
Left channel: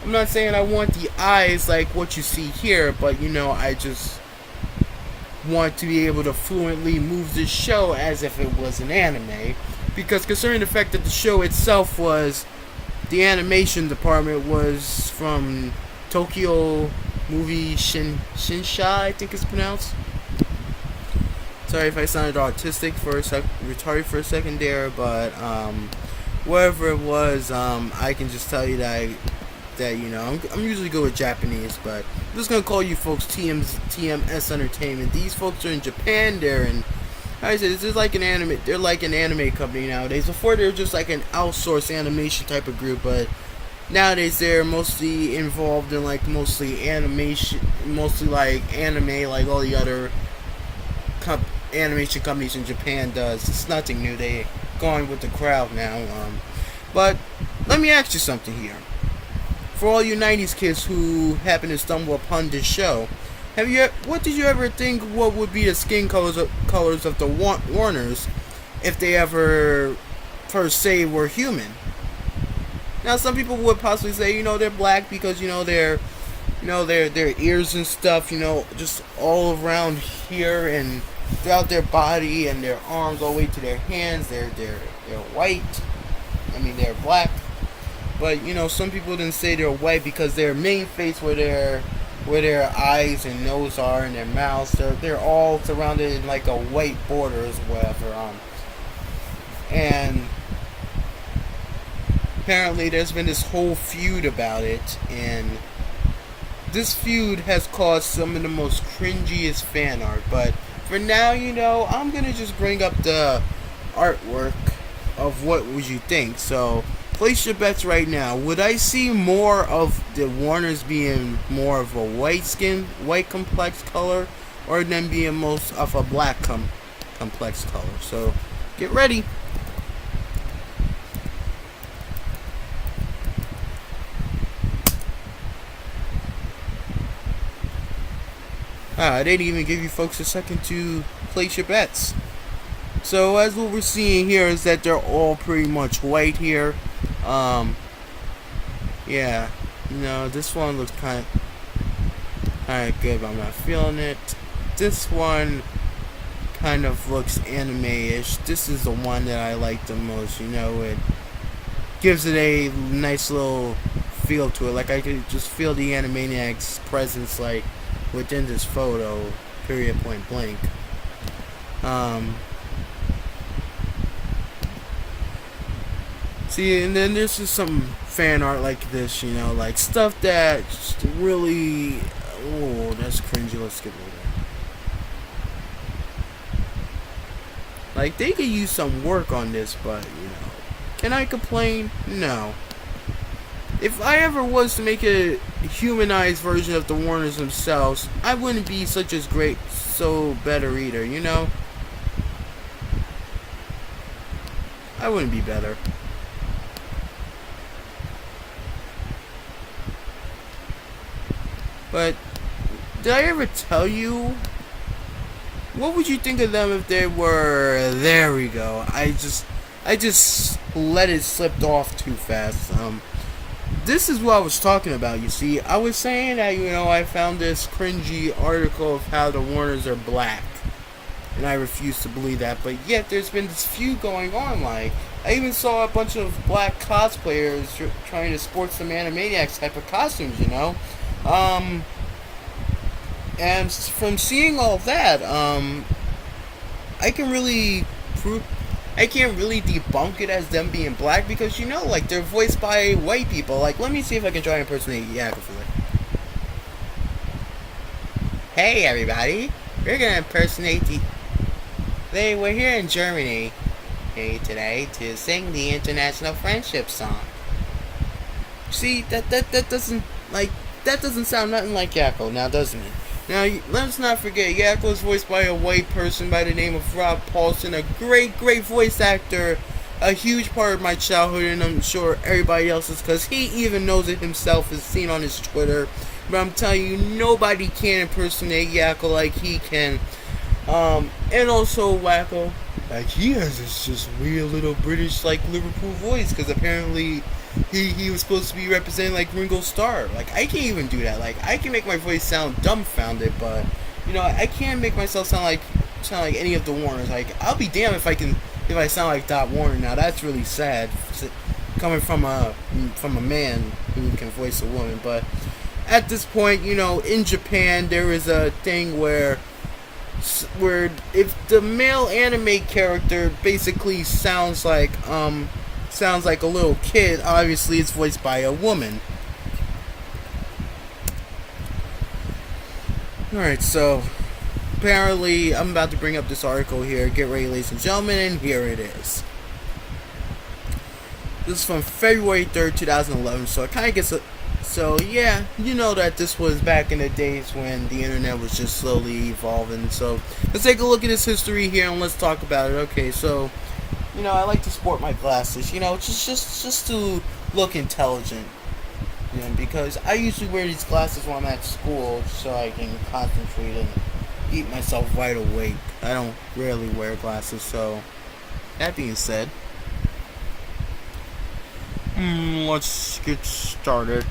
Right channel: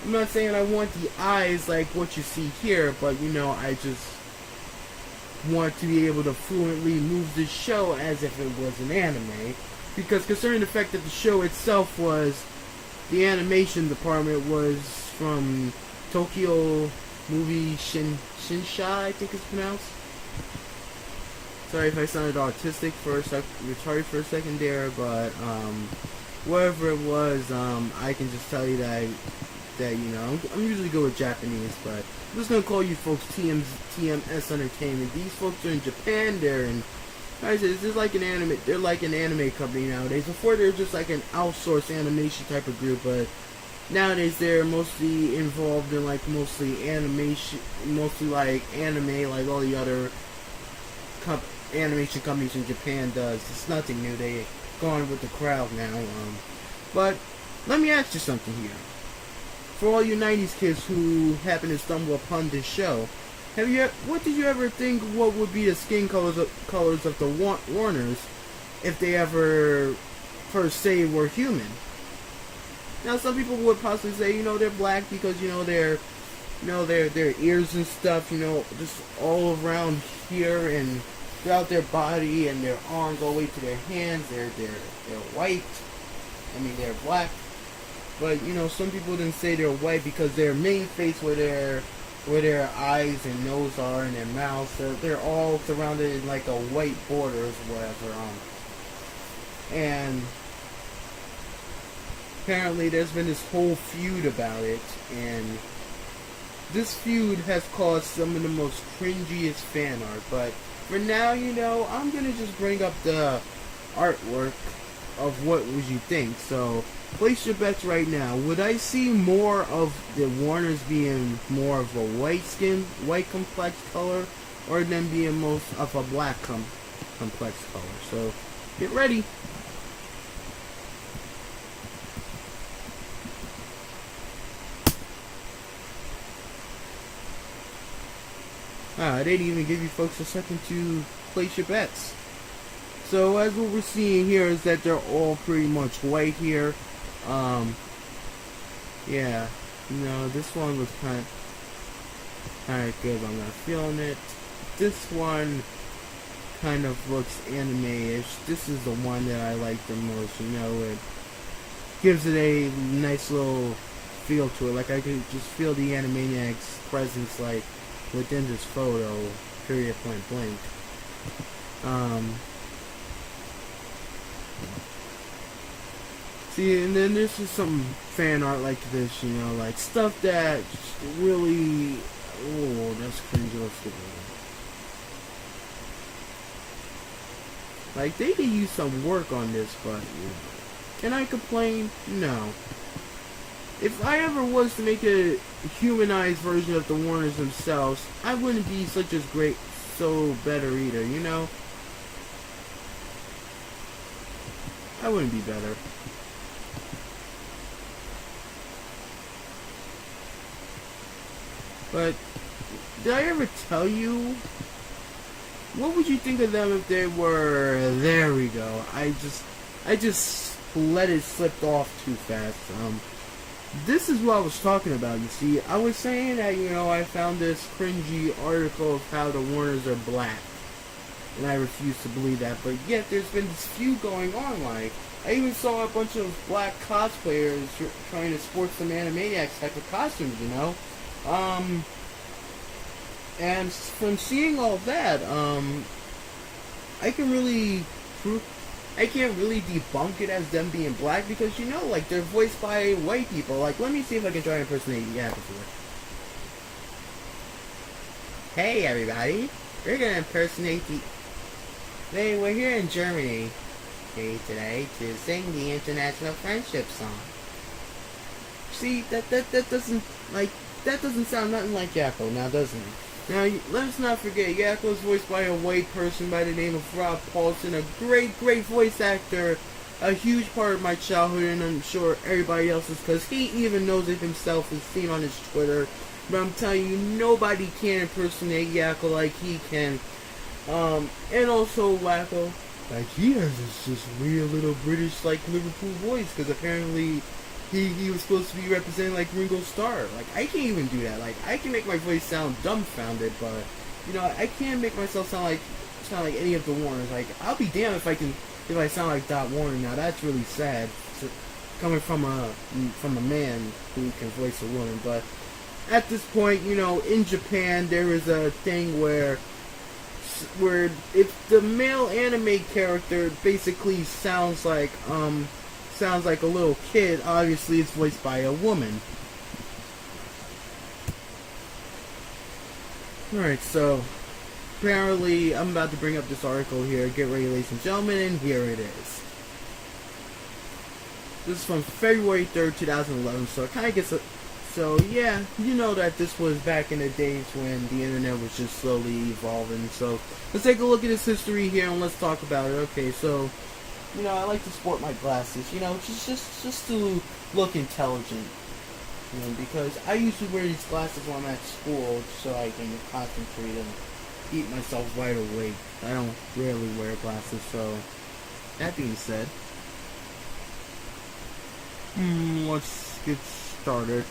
I'm not saying I want the eyes like what you see here, but you know, I just want to be able to fluently move the show as if it was an anime, because considering the fact that the show itself was, the animation department was from Tokyo Movie Shinsha, I think it's pronounced. Sorry if I sounded autistic retarded for a second there, but whatever it was, I can just tell you that you know, I'm usually good with Japanese, but I'm just gonna call you folks TMS Entertainment. These folks are in Japan. They're in, I said, this is like an anime. They're like an anime company nowadays. Before they were just like an outsourced animation type of group, but nowadays they're mostly involved in like mostly animation, mostly like anime, like all the other animation companies in Japan does. It's nothing new. They going with the crowd now. But let me ask you something here. For all you 90s kids who happen to stumble upon this show, what did you ever think what would be the skin colors of the Warners if they ever per se were human? Now, some people would possibly say, you know, they're black because, you know, their ears and stuff, you know, just all around here and throughout their body and their arms all the way to their hands, they're white. I mean, they're black. But, you know, some people didn't say they're white because their main face, where their eyes and nose are and their mouths, they're all surrounded in like a white border or whatever. And apparently there's been this whole feud about it, and this feud has caused some of the most cringiest fan art. But for now, you know, I'm gonna just bring up the artwork of what would you think. So place your bets right now. Would I see more of the Warners being more of a white complex color, or them being most of a black complex color? So get ready. I didn't even give you folks a second to place your bets. So as what we're seeing here is that they're all pretty much white here. Yeah, you know, this one looks kind of, Alright, good, but I'm not feeling it. This one kind of looks anime-ish. This is the one that I like the most, you know, it gives it a nice little feel to it. Like, I could just feel the Animaniacs' presence, like, within this photo, period, point blank. See, and then there's just some fan art like this, you know, like stuff that just really, oh, that's cringy. Let's get rid of it. Like, they could use some work on this, but, you know, can I complain? No. If I ever was to make a humanized version of the Warners themselves, I wouldn't be such a great, so better either, you know? I wouldn't be better. But, did I ever tell you? What would you think of them if they were... There we go. I just let it slip off too fast. This is what I was talking about, you see. I was saying that, you know, I found this cringy article of how the Warners are black. And I refuse to believe that. But yet, there's been this feud going on, like... I even saw a bunch of black cosplayers trying to sport some Animaniacs type of costumes, you know? And from seeing all that, I can't really debunk it as them being black because, you know, like, they're voiced by white people. Like, let me see if I can try to impersonate Yakko for it. Hey, everybody. We're gonna impersonate we're here in Germany today to sing the International Friendship Song. See, that doesn't sound nothing like Yakko, now doesn't it? Now, let's not forget, Yakko is voiced by a white person by the name of Rob Paulson, a great voice actor, a huge part of my childhood, and I'm sure everybody else's, because he even knows it himself, as seen on his Twitter. But I'm telling you, nobody can impersonate Yakko like he can. And also Wacko, like, he has this just weird little British, like, Liverpool voice, because apparently he was supposed to be representing, like, Ringo Starr. Like, I can't even do that. Like, I can make my voice sound dumbfounded, but, you know, I can't make myself sound like any of the Warners. Like, I'll be damned if I sound like Dot Warner. Now, that's really sad, coming from a man who can voice a woman. But at this point, you know, in Japan, there is a thing where if the male anime character basically sounds like a little kid, obviously it's voiced by a woman. Alright, so apparently I'm about to bring up this article here. Get ready, ladies and gentlemen, and here it is. This is from February 3rd, 2011, so it kind of gets so yeah, you know that this was back in the days when the internet was just slowly evolving. So let's take a look at this history here and let's talk about it. Okay, so, you know, I like to sport my glasses, you know, just to look intelligent. You know, because I usually wear these glasses when I'm at school so I can concentrate and keep myself wide awake. I don't rarely wear glasses, so that being said, let's get started.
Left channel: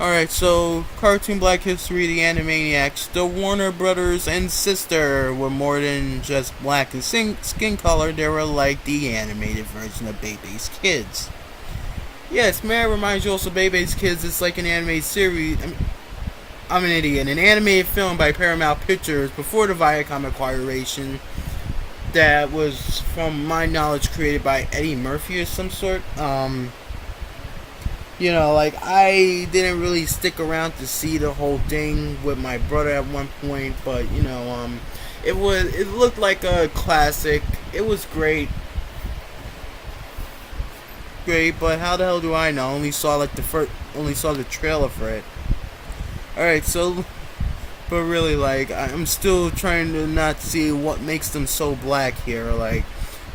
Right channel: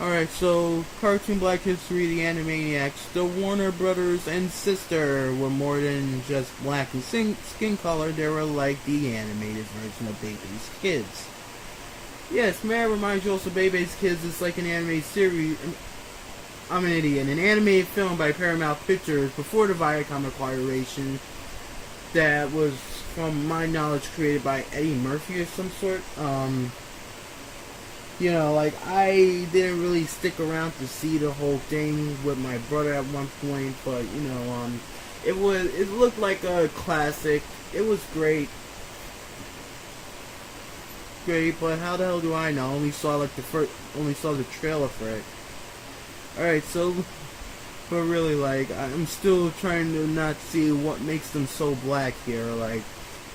Alright, so cartoon Black History, the Animaniacs, the Warner Brothers and sister were more than just black in skin color. They were like the animated version of Bebe's Kids. Yes, may I remind you also, Bebe's Kids is like an animated series. I'm an idiot. An animated film by Paramount Pictures before the Viacom acquiration. That was, from my knowledge, created by Eddie Murphy or some sort. You know, like, I didn't really stick around to see the whole thing with my brother at one point, but, you know, it looked like a classic. It was great, but how the hell do I know? I only saw the trailer for it. Alright, so, but really, like, I'm still trying to not see what makes them so black here. Like,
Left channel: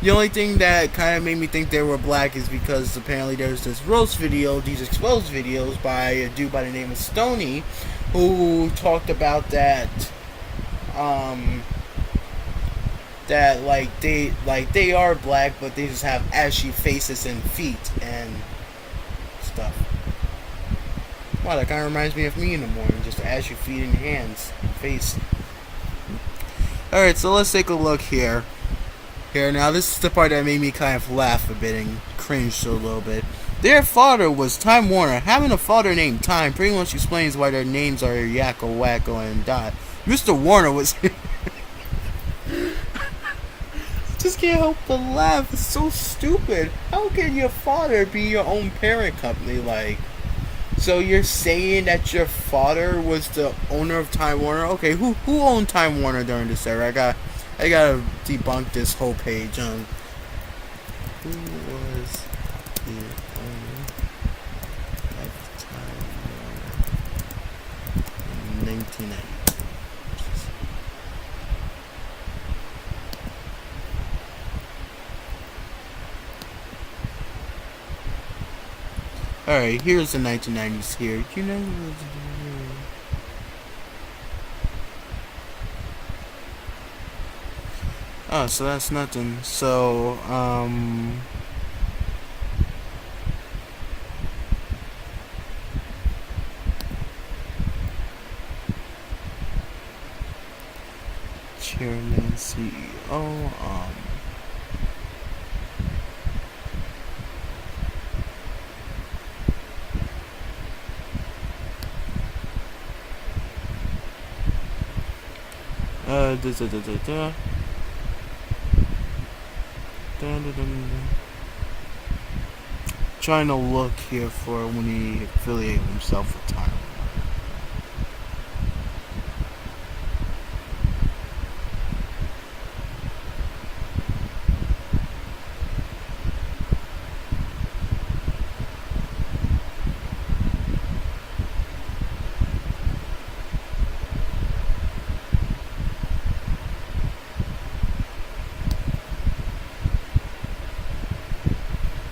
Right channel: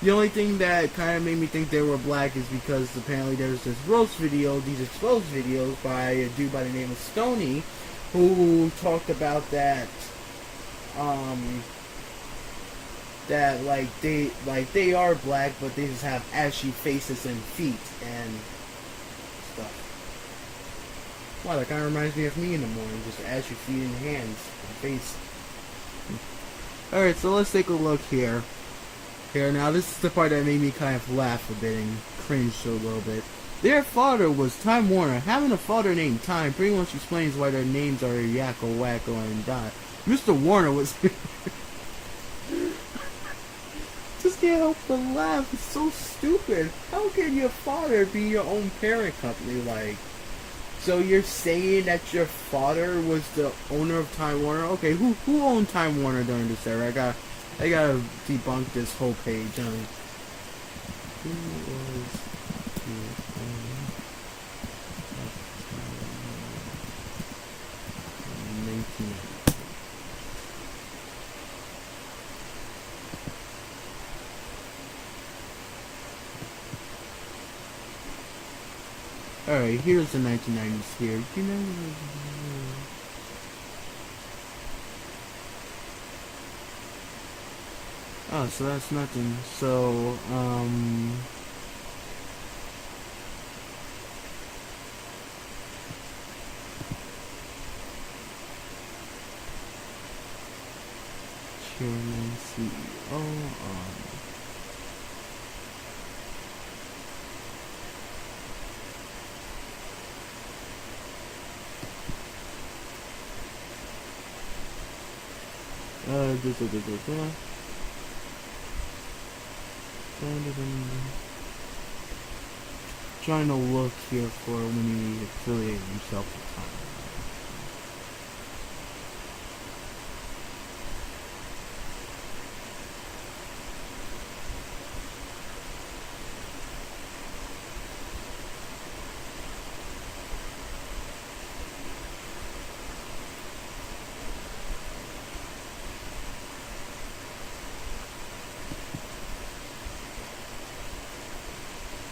the only thing that kind of made me think they were black is because apparently there's this roast video, these exposed videos by a dude by the name of Stoney, who talked about that they are black, but they just have ashy faces and feet and stuff. Wow, that kind of reminds me of me in the morning, just as you feet and hands and face. Alright, so let's take a look here. Now this is the part that made me kind of laugh a bit and cringe a little bit. Their father was Time Warner. Having a father named Time pretty much explains why their names are Yakko, Wacko, and Dot. Mr. Warner was... Just can't help but laugh. It's so stupid. How can your father be your own parent company? Like, so you're saying that your father was the owner of Time Warner? Okay, who owned Time Warner during this era? I gotta debunk this whole page on who was the owner of Time Warner in 1990. Alright, here's the 1990s here. You know, oh, so that's nothing. So, Chairman, CEO, trying to look here for when he affiliated himself with Time.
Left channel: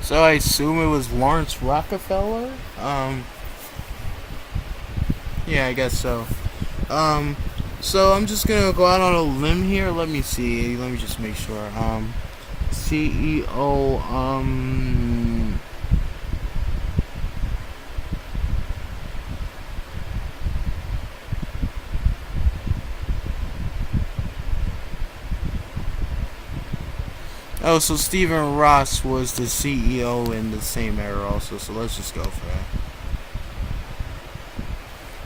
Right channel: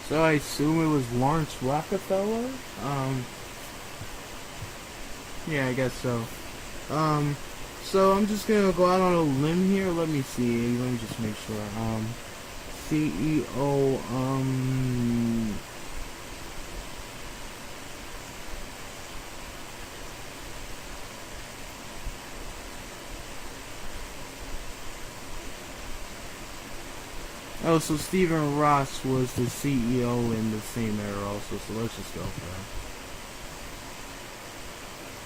So I assume it was Lawrence Rockefeller? Yeah, I guess so. So I'm just gonna go out on a limb here. Let me see. Let me just make sure. CEO, oh, so Stephen Ross was the CEO in the same era also, so let's just go for that.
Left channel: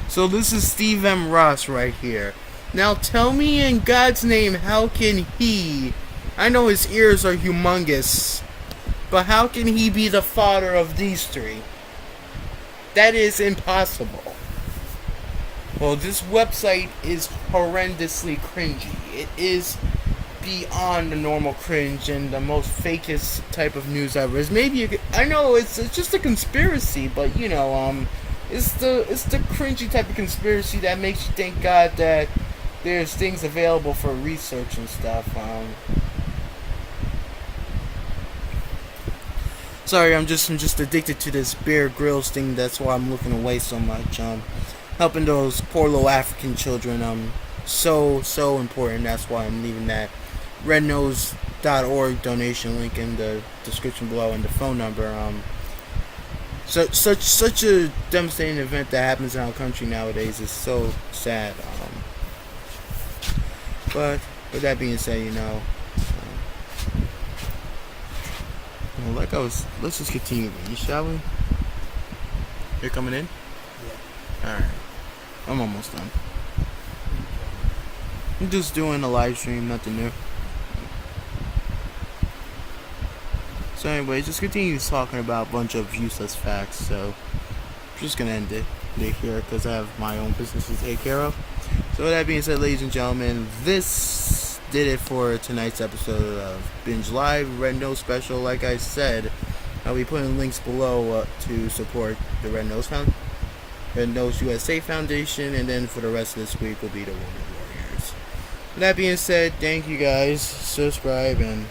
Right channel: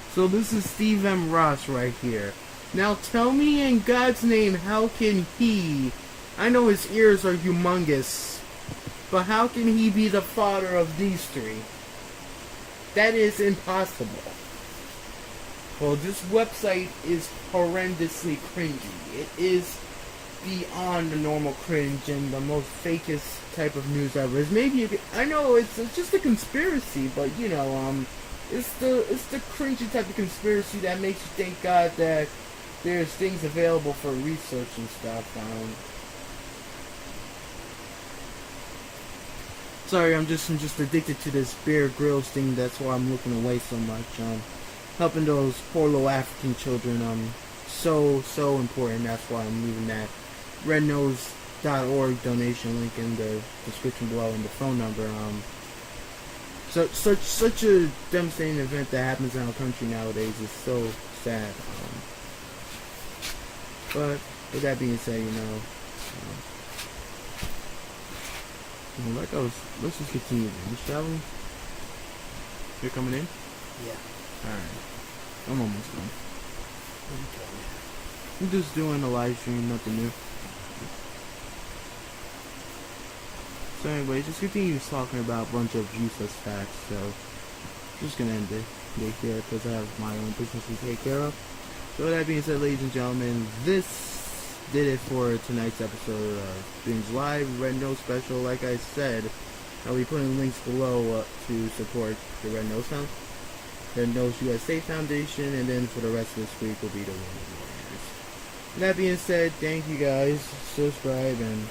So this is Steve M. Ross right here. Now tell me in God's name, how can he, I know his ears are humongous, but how can he be the father of these three? That is impossible. Well, this website is horrendously cringy. It is beyond the normal cringe and the most fakest type of news ever. Is maybe you could, I know it's just a conspiracy, but you know, it's the cringy type of conspiracy that makes you think, God, that there's things available for research and stuff. Sorry, I'm just addicted to this Bear Grylls thing. That's why I'm looking away so much. Helping those poor little African children. So important. That's why I'm leaving that rednose.org donation link in the description below and the phone number. Such a devastating event that happens in our country nowadays is so sad. But with that being said, let's just continue. You shall we? You're coming in? Yeah. Alright. I'm almost done. I'm just doing a live stream, nothing new. So anyway, just continue talking about a bunch of useless facts. So I'm just gonna end it here because I have my own business to take care of. So with that being said, ladies and gentlemen, this did it for tonight's episode of Binge Live Red Nose Special. Like I said, I'll be putting links below to support the Red Nose USA Foundation, and then for the rest of this week will be the Wounded Warriors. With that being said, thank you guys, subscribe, and